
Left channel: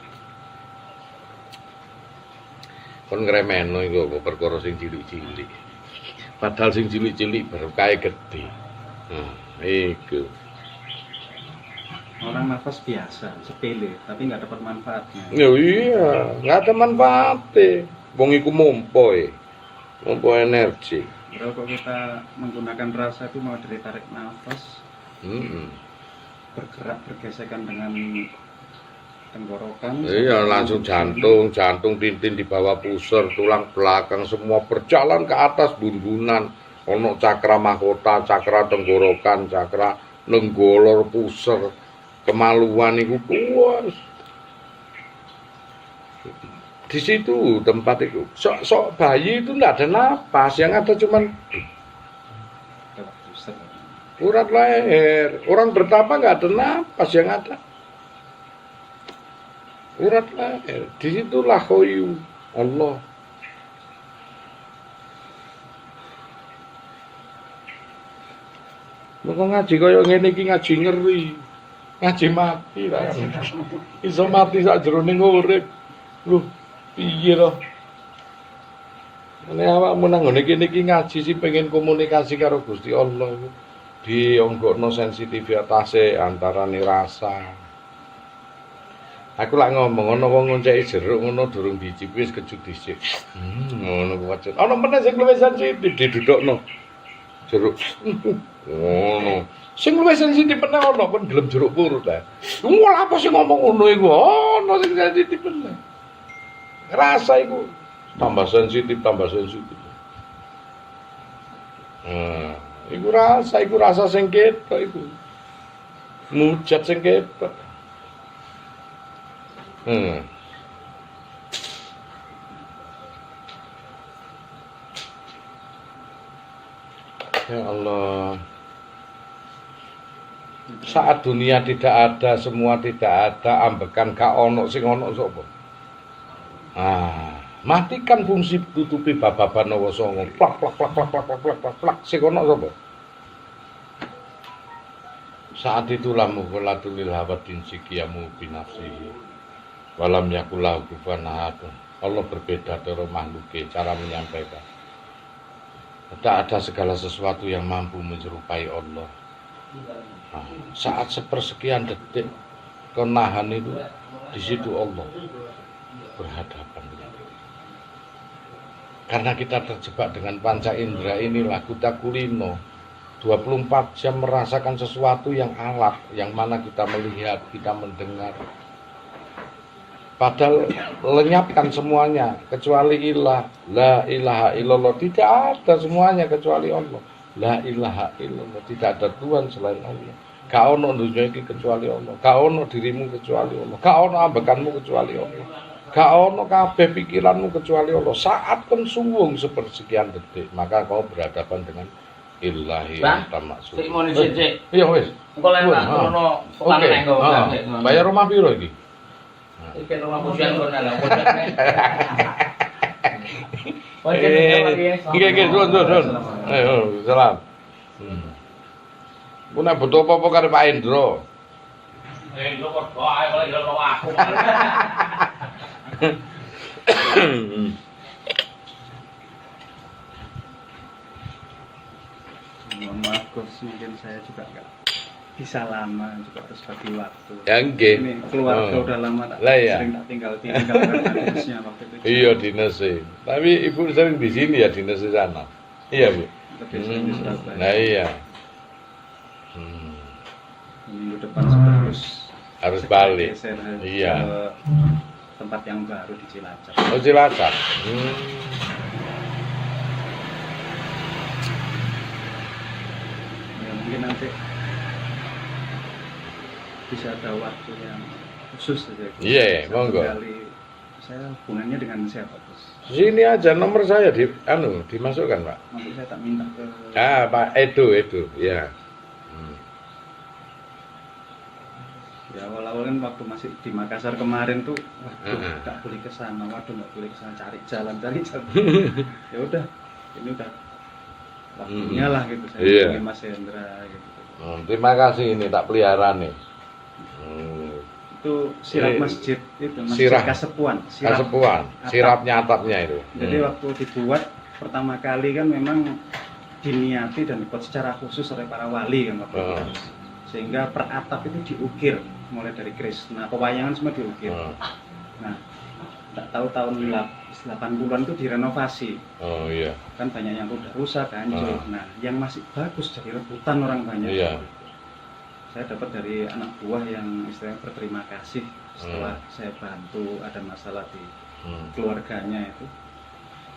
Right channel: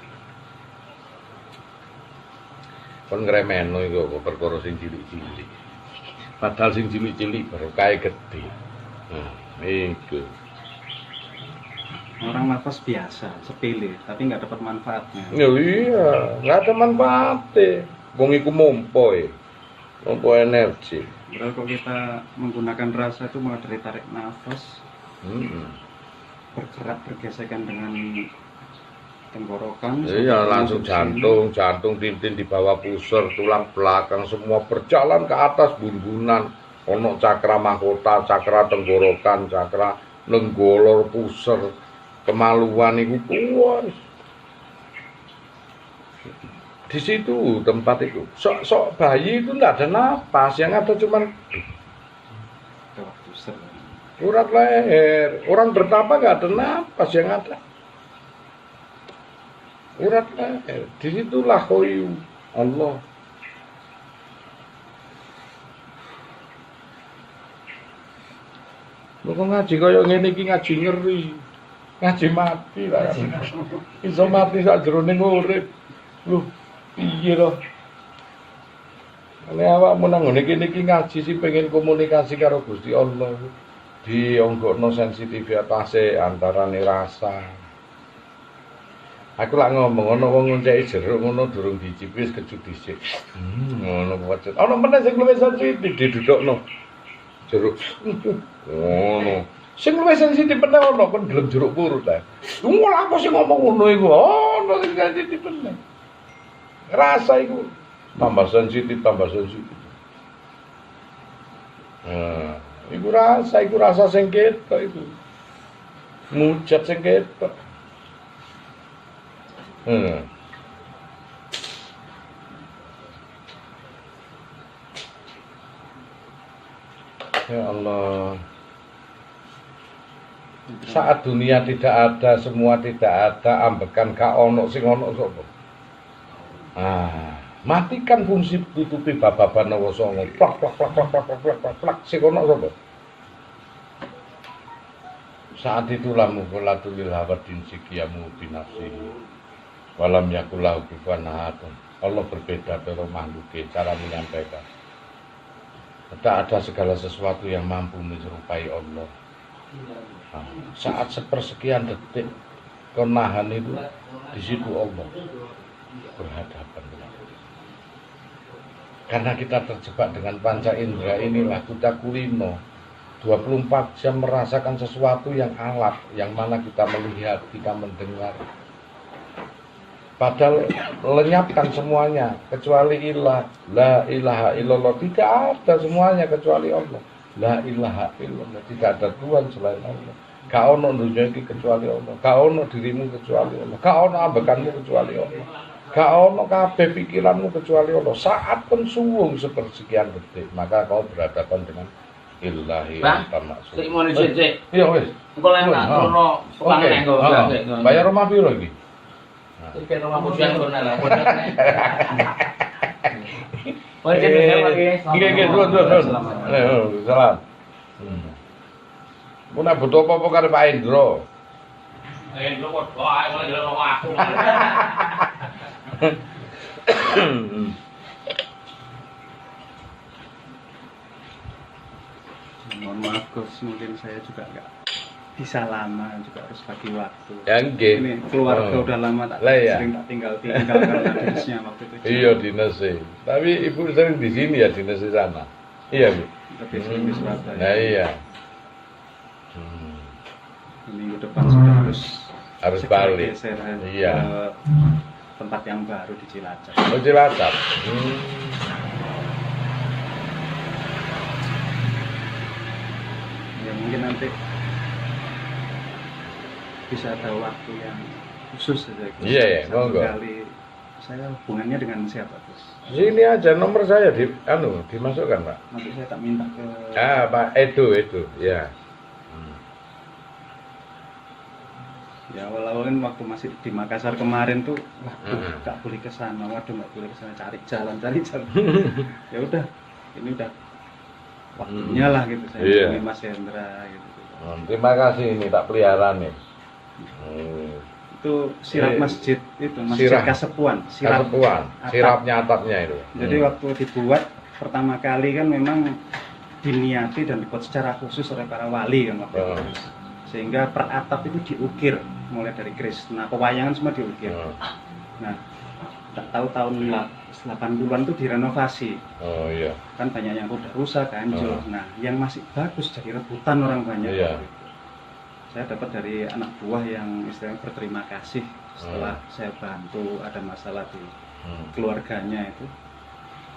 Kon ngremeno iku perkara sing cilik-cilik. Padahal sing cilik-cilik berkah gede. Iku. Orang nafas biasa, sepele, tapi nggak dapat manfaatnya. Ya iya, nggak ada manfaatnya. Wong iku mompo energi. Padahal kalau kita menggunakan rasa itu malah dari tarik nafas, bergerak bergesekan dengan tenggorokan. Iya, langsung jantung tintin di bawah pusar, tulang belakang semua berjalan ke atas bundunan. Ono cakra mahkota, cakra tenggorokan, cakra lenggolor pusar, kemaluan itu puas. Di situ tempat itu, sok bayi itu enggak ada napas, yang ada cuman urat leher. Orang bertapa enggak ada napas, yang ada urat leher. Di situlah khoyu Allah. Mau ngaji kaya ngene iki ngaji ngeri. Ngaji mati lah. Iso mati sak jroning urip. Lho, piye to? Nek awakmu nang ngene iki ngaji sih pengen komunikasi karo Gusti Allah. Dionggokno sensitivitasé antarane rasa. Aku lak ngomong ana wong ngonceki jeruk ngono durung dicipi wis kecut dhisik. Ngono kok. Ana meneh sing luwih sensitif didudukno. Jeruk. Ngono. Sing luwih sensitif meneh ana kon gelem jeruk purut ta. Lha apa sing ngomong ngono iku? Ono sing sensitif meneh. Rasa iku tambah sensitif. Iku rasa sing ketok iku. Mujat sing ketok. Ya Allah. Saat dunia tidak ada, semua tidak ada, ambekan gak ono sing ono sapa? Matikan fungsi tutupi bababan Nawa Songo. Plak sing ono sapa? Saat itulah mughalatul hawadin sikiyamu binafsihi. Walam yakulahu kufuwan ahad. Allah berbeda dari makhluknya, cara menyampaikan. Tidak ada segala sesuatu yang mampu menyerupai Allah. Nah, saat sepersekian detik kenahan itu, di situ Allah berhadapan dengan kita. Karena kita terjebak dengan panca indera inilah kita kulino 24 jam merasakan sesuatu yang alat, yang mana kita melihat, kita mendengar. Padahal lenyapkan semuanya kecuali ilah, la ilaha illallah, tidak ada semuanya kecuali Allah. La ilaha illallah, tidak ada Tuhan selain Allah. Gak ono dunia ini kecuali Allah. Gak ono dirimu kecuali Allah. Gak ono ambekanmu kecuali Allah. Gak ono kabeh pikiranmu kecuali Allah. Saat pun suwung sepersekian detik, maka kau berhadapan dengan Ilahi anta maksud. Sik mau dicek. Iya wis. Engko lek tak krono pangan engko. Bayar rumah piro iki? Iki rumah pujian kono lah. Nggih, suwun. Salam. Mun nek butuh apa-apa karo Pak Endro. Endro kok ae kok yo aku. Mohon maaf Gus, mungkin saya juga nggak bisa lama, juga harus bagi waktu. Ya nggih. Ini keluarga udah lama tak Lah, ya. sering tak tinggal dinasnya waktu itu. Iya dinasnya. Tapi ibu sering di sini ya dinasnya sana. Iya bu. Lebih sering di Surabaya. Nah iya. Minggu depan sudah harus Harus balik. geser Iya. ke tempat yang baru di Cilacap. Oh Cilacap. Ya, mungkin nanti bisa ada waktu yang khusus ya. Iya, ya, monggo. Kali saya hubungannya dengan siapa Gus? Sini aja nomor saya dimasukkan Pak. Nanti saya tak minta ke Pak Edo ya. ya awal-awal kan waktu masih di Makassar kemarin tuh waduh tak boleh ke sana, cari jalan. Ya udah, ini udah waktunya lah gitu saya Iya. hubungi Mas Hendra gitu. Terima kasih ini tak pelihara nih. Itu sirap masjid itu masjid Sirap. Kasepuan, Kasepuan, atap. sirapnya atapnya itu. Jadi waktu dibuat pertama kali kan memang diniati dan dibuat secara khusus oleh para wali kan waktu itu. Sehingga per atap itu diukir mulai dari Krishna, pewayangan semua diukir. Nah, tak tahu tahun 80-an itu direnovasi. Oh iya. Kan banyak yang udah rusak, hancur. Nah, yang masih bagus jadi rebutan orang banyak. Iya. Saya dapat dari anak buah yang istilahnya berterima kasih setelah saya bantu ada masalah di keluarganya itu.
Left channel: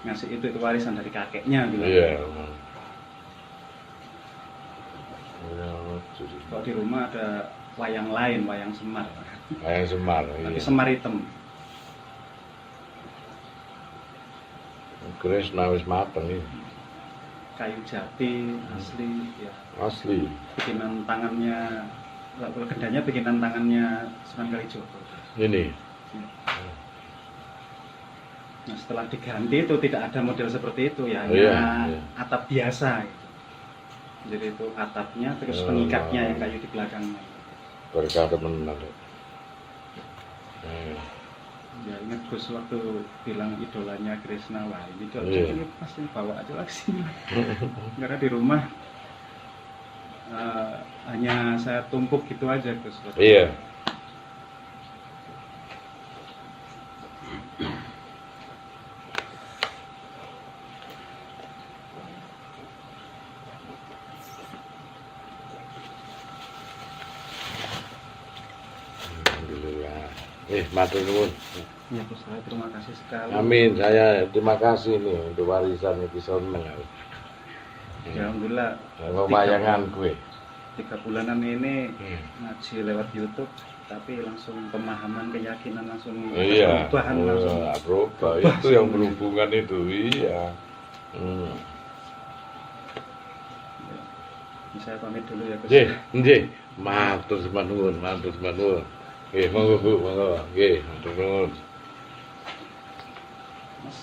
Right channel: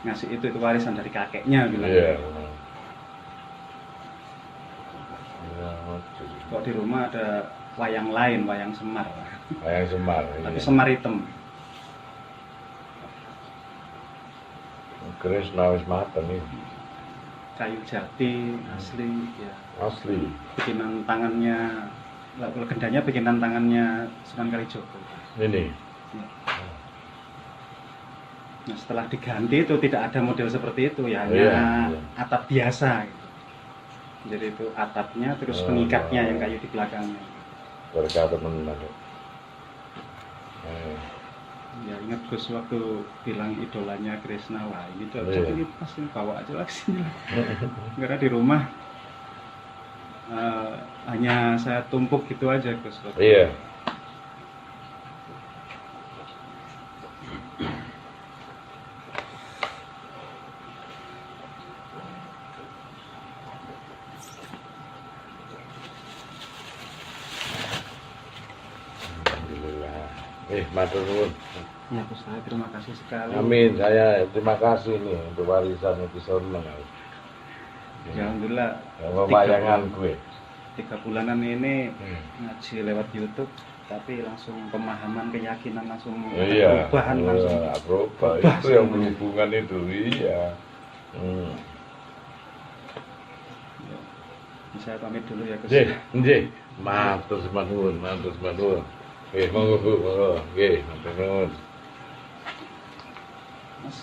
Ngasih itu warisan dari kakeknya gitu. Iya. Kok di rumah ada wayang lain, wayang Semar. Wayang Semar. Tapi Iya. Semar hitam. Krishna wis mateng ini. Kayu jati asli ya. Asli. Bikinan tangannya, legendanya bikinan tangannya Sunan Kalijogo. Ini. Nah setelah diganti itu tidak ada model seperti itu ya, Iya, hanya iya. atap biasa gitu. Jadi itu atapnya terus pengikatnya yang kayu di belakangnya. Berkah teman ada. Ya ingat Gus waktu bilang idolanya Krishna, wah ini tuh Iya. ini pasti bawa aja lah sini. Karena di rumah hanya saya tumpuk gitu aja Gus. Iya. Matur nuwun. Ya, Gus, saya terima kasih sekali. Amin. Saya terima kasih nih untuk warisan itu seneng aku. Ya, alhamdulillah. Pewayangan gue. 3 bulanan ini ngaji lewat YouTube, tapi langsung pemahaman, keyakinan langsung Iya. perubahan langsung. Berubah. Itu yang berhubungan itu. Iya. Saya pamit dulu ya Gus. Nggih. Matur nuwun, matur nuwun. Monggo Bu, monggo. Nggih, matur nuwun. Mas,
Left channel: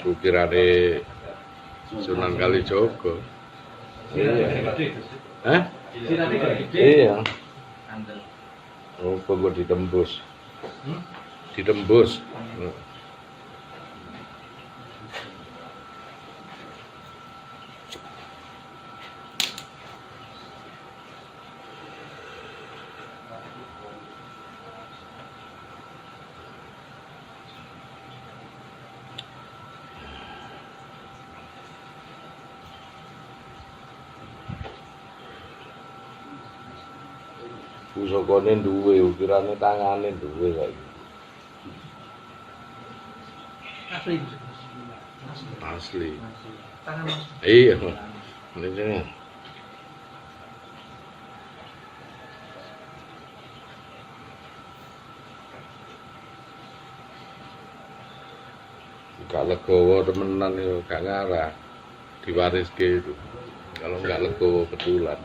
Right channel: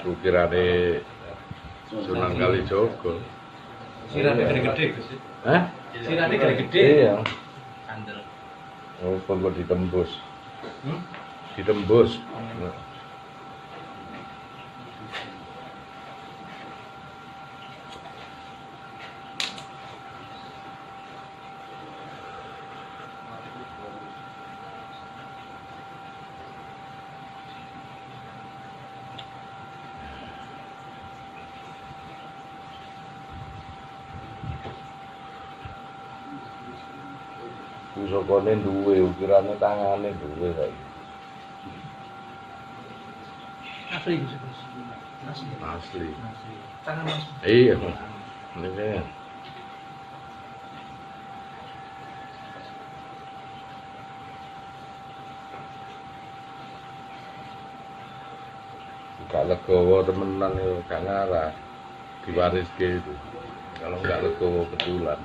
Ukirane Sunan Kalijaga. Sirane gede-gede. Hah? Sirane gede-gede. Iya. Kandel. Oh, kok ditembus. Ditembus. Pusakane duwe, ukirane tangane duwe saiki. Asli. Asli. Tangan Iya. Ini. Gak legowo temenan ya, gak ngarah. Diwariske itu. Kalau nggak legowo betulan.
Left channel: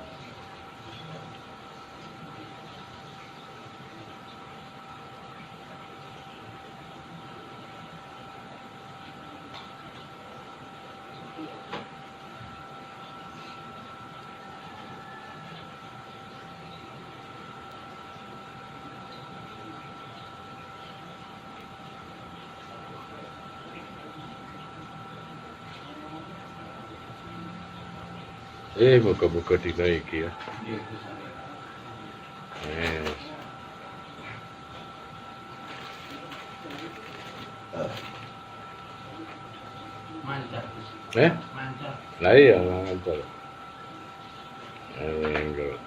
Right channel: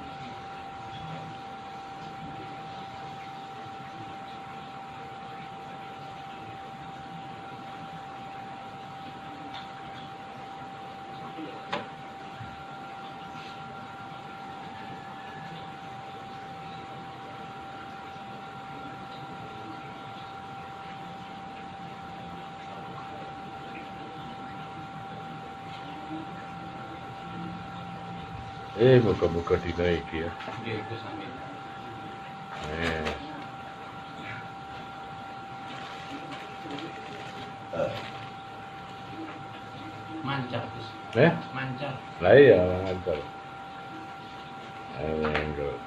Muka-muka dinaiki ya. mancar. Mancar. Lah iya, mancar. Enggak.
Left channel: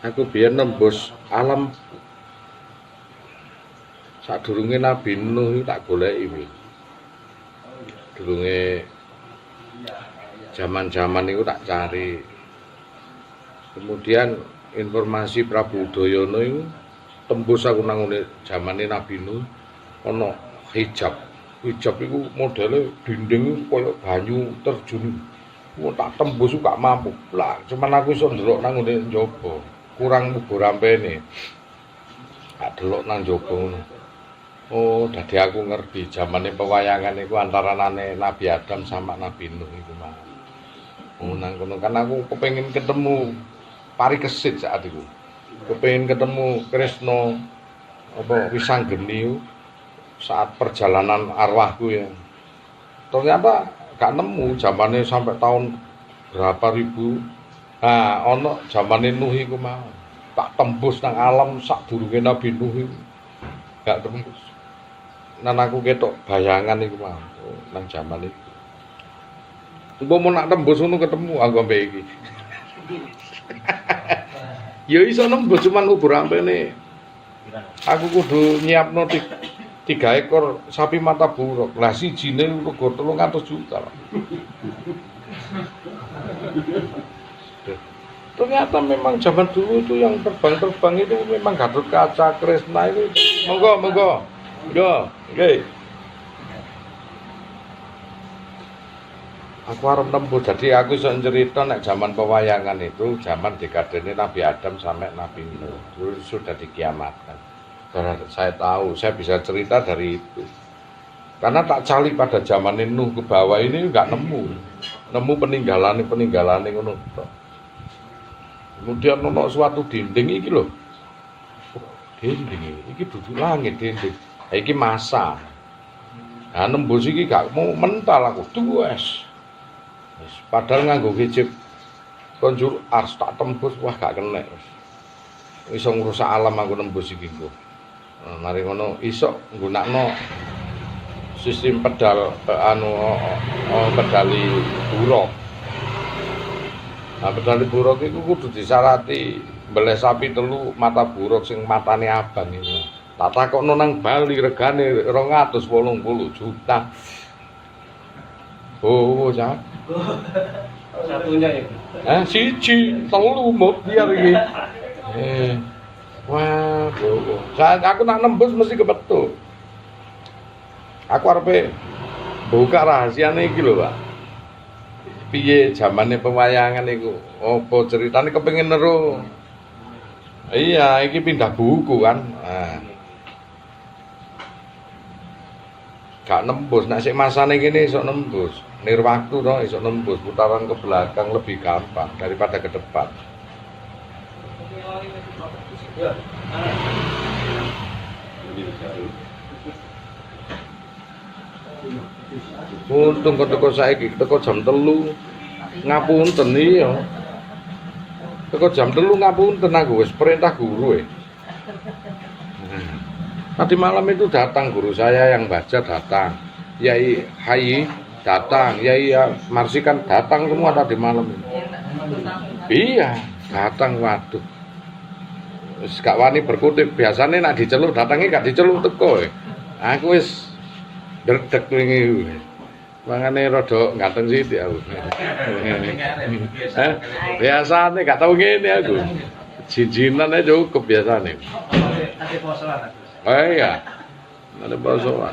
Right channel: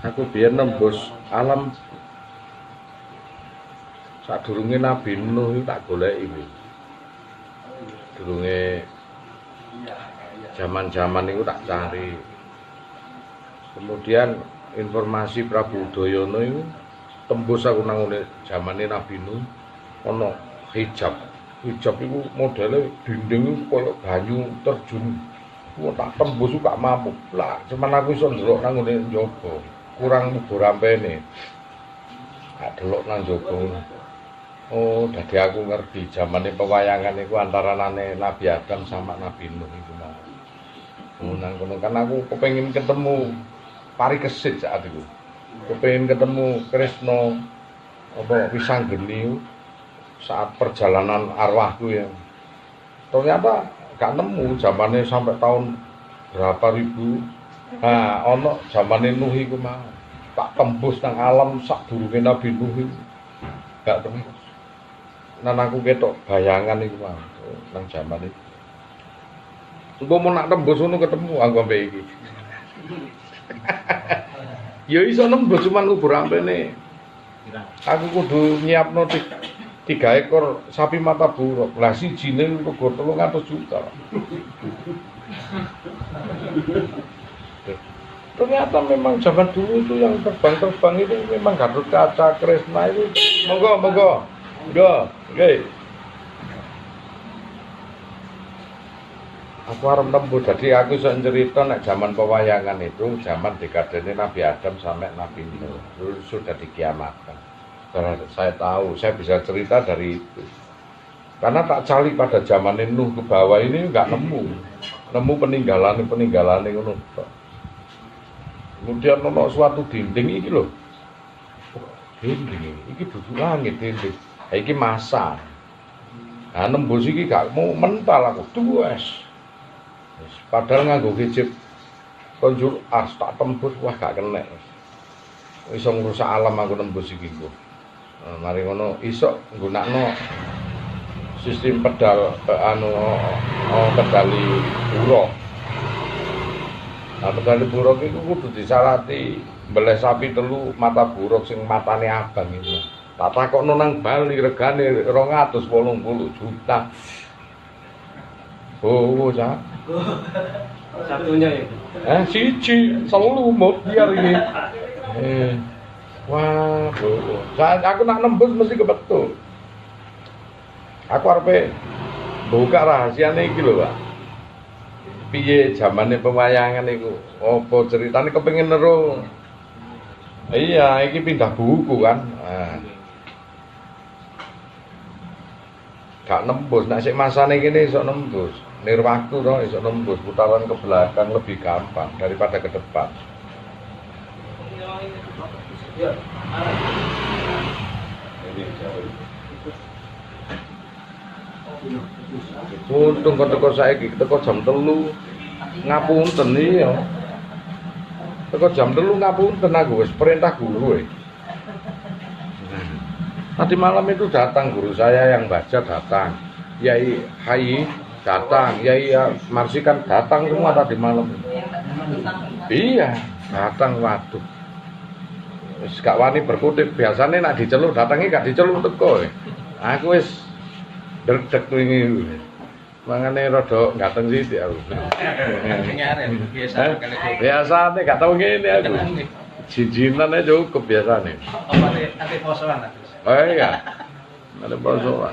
Aku biyen nembus alam sadurunge Nabi Nuh tak goleki kuwi. Durunge zaman-zaman itu tak cari. Kemudian informasi Prabu Udayana itu tembus aku nang ngene zamane Nabi Nuh ana hijab. Hijab itu modele dinding itu koyo banyu terjun. Ku tak tembus gak mampu. Lah cuman aku iso ndelok nang ngene njaba. Kurang mubur rampene. Gak delok nang njaba. Oh, dadi aku ngerti zamane pewayangan iku antaranane Nabi Adam sama Nabi Nuh iku mau. Nang kono kan aku kepengin ketemu Parikesit saat itu. Kepengin ketemu Kresna apa Wisanggeni saat perjalanan arwahku yang ternyata gak nemu zamane sampai tahun berapa ribu. Nah, ono zamane Nuh iku mau. Tak tembus nang alam sadurunge Nabi Nuh iku. Gak tembus. Nan aku ketok bayangan iku mau nang zaman iku. Engko mau nak tembus ngono ketemu anggo mbek iki. Ya iso nembus cuman kubur ampene. Aku kudu nyiapno 3 ekor sapi mata buruk. Lah sijine rego 300 juta. Ternyata memang zaman dulu itu yang terbang-terbang itu memang Gatot Kaca, Kresna itu. Monggo. Nggih. Aku arep nembus, jadi aku iso cerita nek zaman pewayangan itu, zaman dekadene Nabi Adam sampai Nabi Nuh. Itu sudah dikiamatkan. Saya tahu, saya bisa cerita dari itu. Karena tak cali pada zaman Nuh ke bawah ini enggak nemu. Nemu peninggalan ngono. Kemudian ono suatu dinding iki lho. Dinding iki dudu langit dinding. Iki masa. Nah nembus iki gak mau mental aku tuwes. Padahal nganggo hijab konjur ars tak tembus wah gak kena. Iso ngrusak alam aku nembus iki kok. Mari ngono iso nggunakno sistem pedal pedali buruk. Nah pedali buruk iku kudu disarati mbeleh sapi telu mata buruk sing matane abang itu. Tak takokno nang Bali regane 280 juta. Oh, Cak. Satunya ya. Siji, telu biar iki. Wah, bro. Saat aku nak nembus mesti kebetul. Aku arepe buka rahasiane iki lho, Pak. Piye zamane pewayangan iku? Apa ceritane kepengin neru? Iya, iki pindah buku kan. Nah. Gak nembus, nek sik masane kene iso nembus. Nirwaku to iso nembus, putaran ke belakang lebih gampang daripada ke depan. Untung kok teko saiki, teko jam 3. Ngapunten iya. Teko jam 3 ngapunten aku wis perintah guru. Tadi malam itu datang guru saya yang baca datang. Yai Hayi datang, Yai Marsikan datang semua tadi malam. Iya, datang waduh. Wis gak wani berkutip, biasanya nak diceluk datangnya gak diceluk teko. Aku wis deg-deg wingi. Mangane rada ngateng sithik aku. Biasane gak tau ngene aku. Jijinan aja cukup biasane. Nanti posoan. Oh iya. Ada posoan.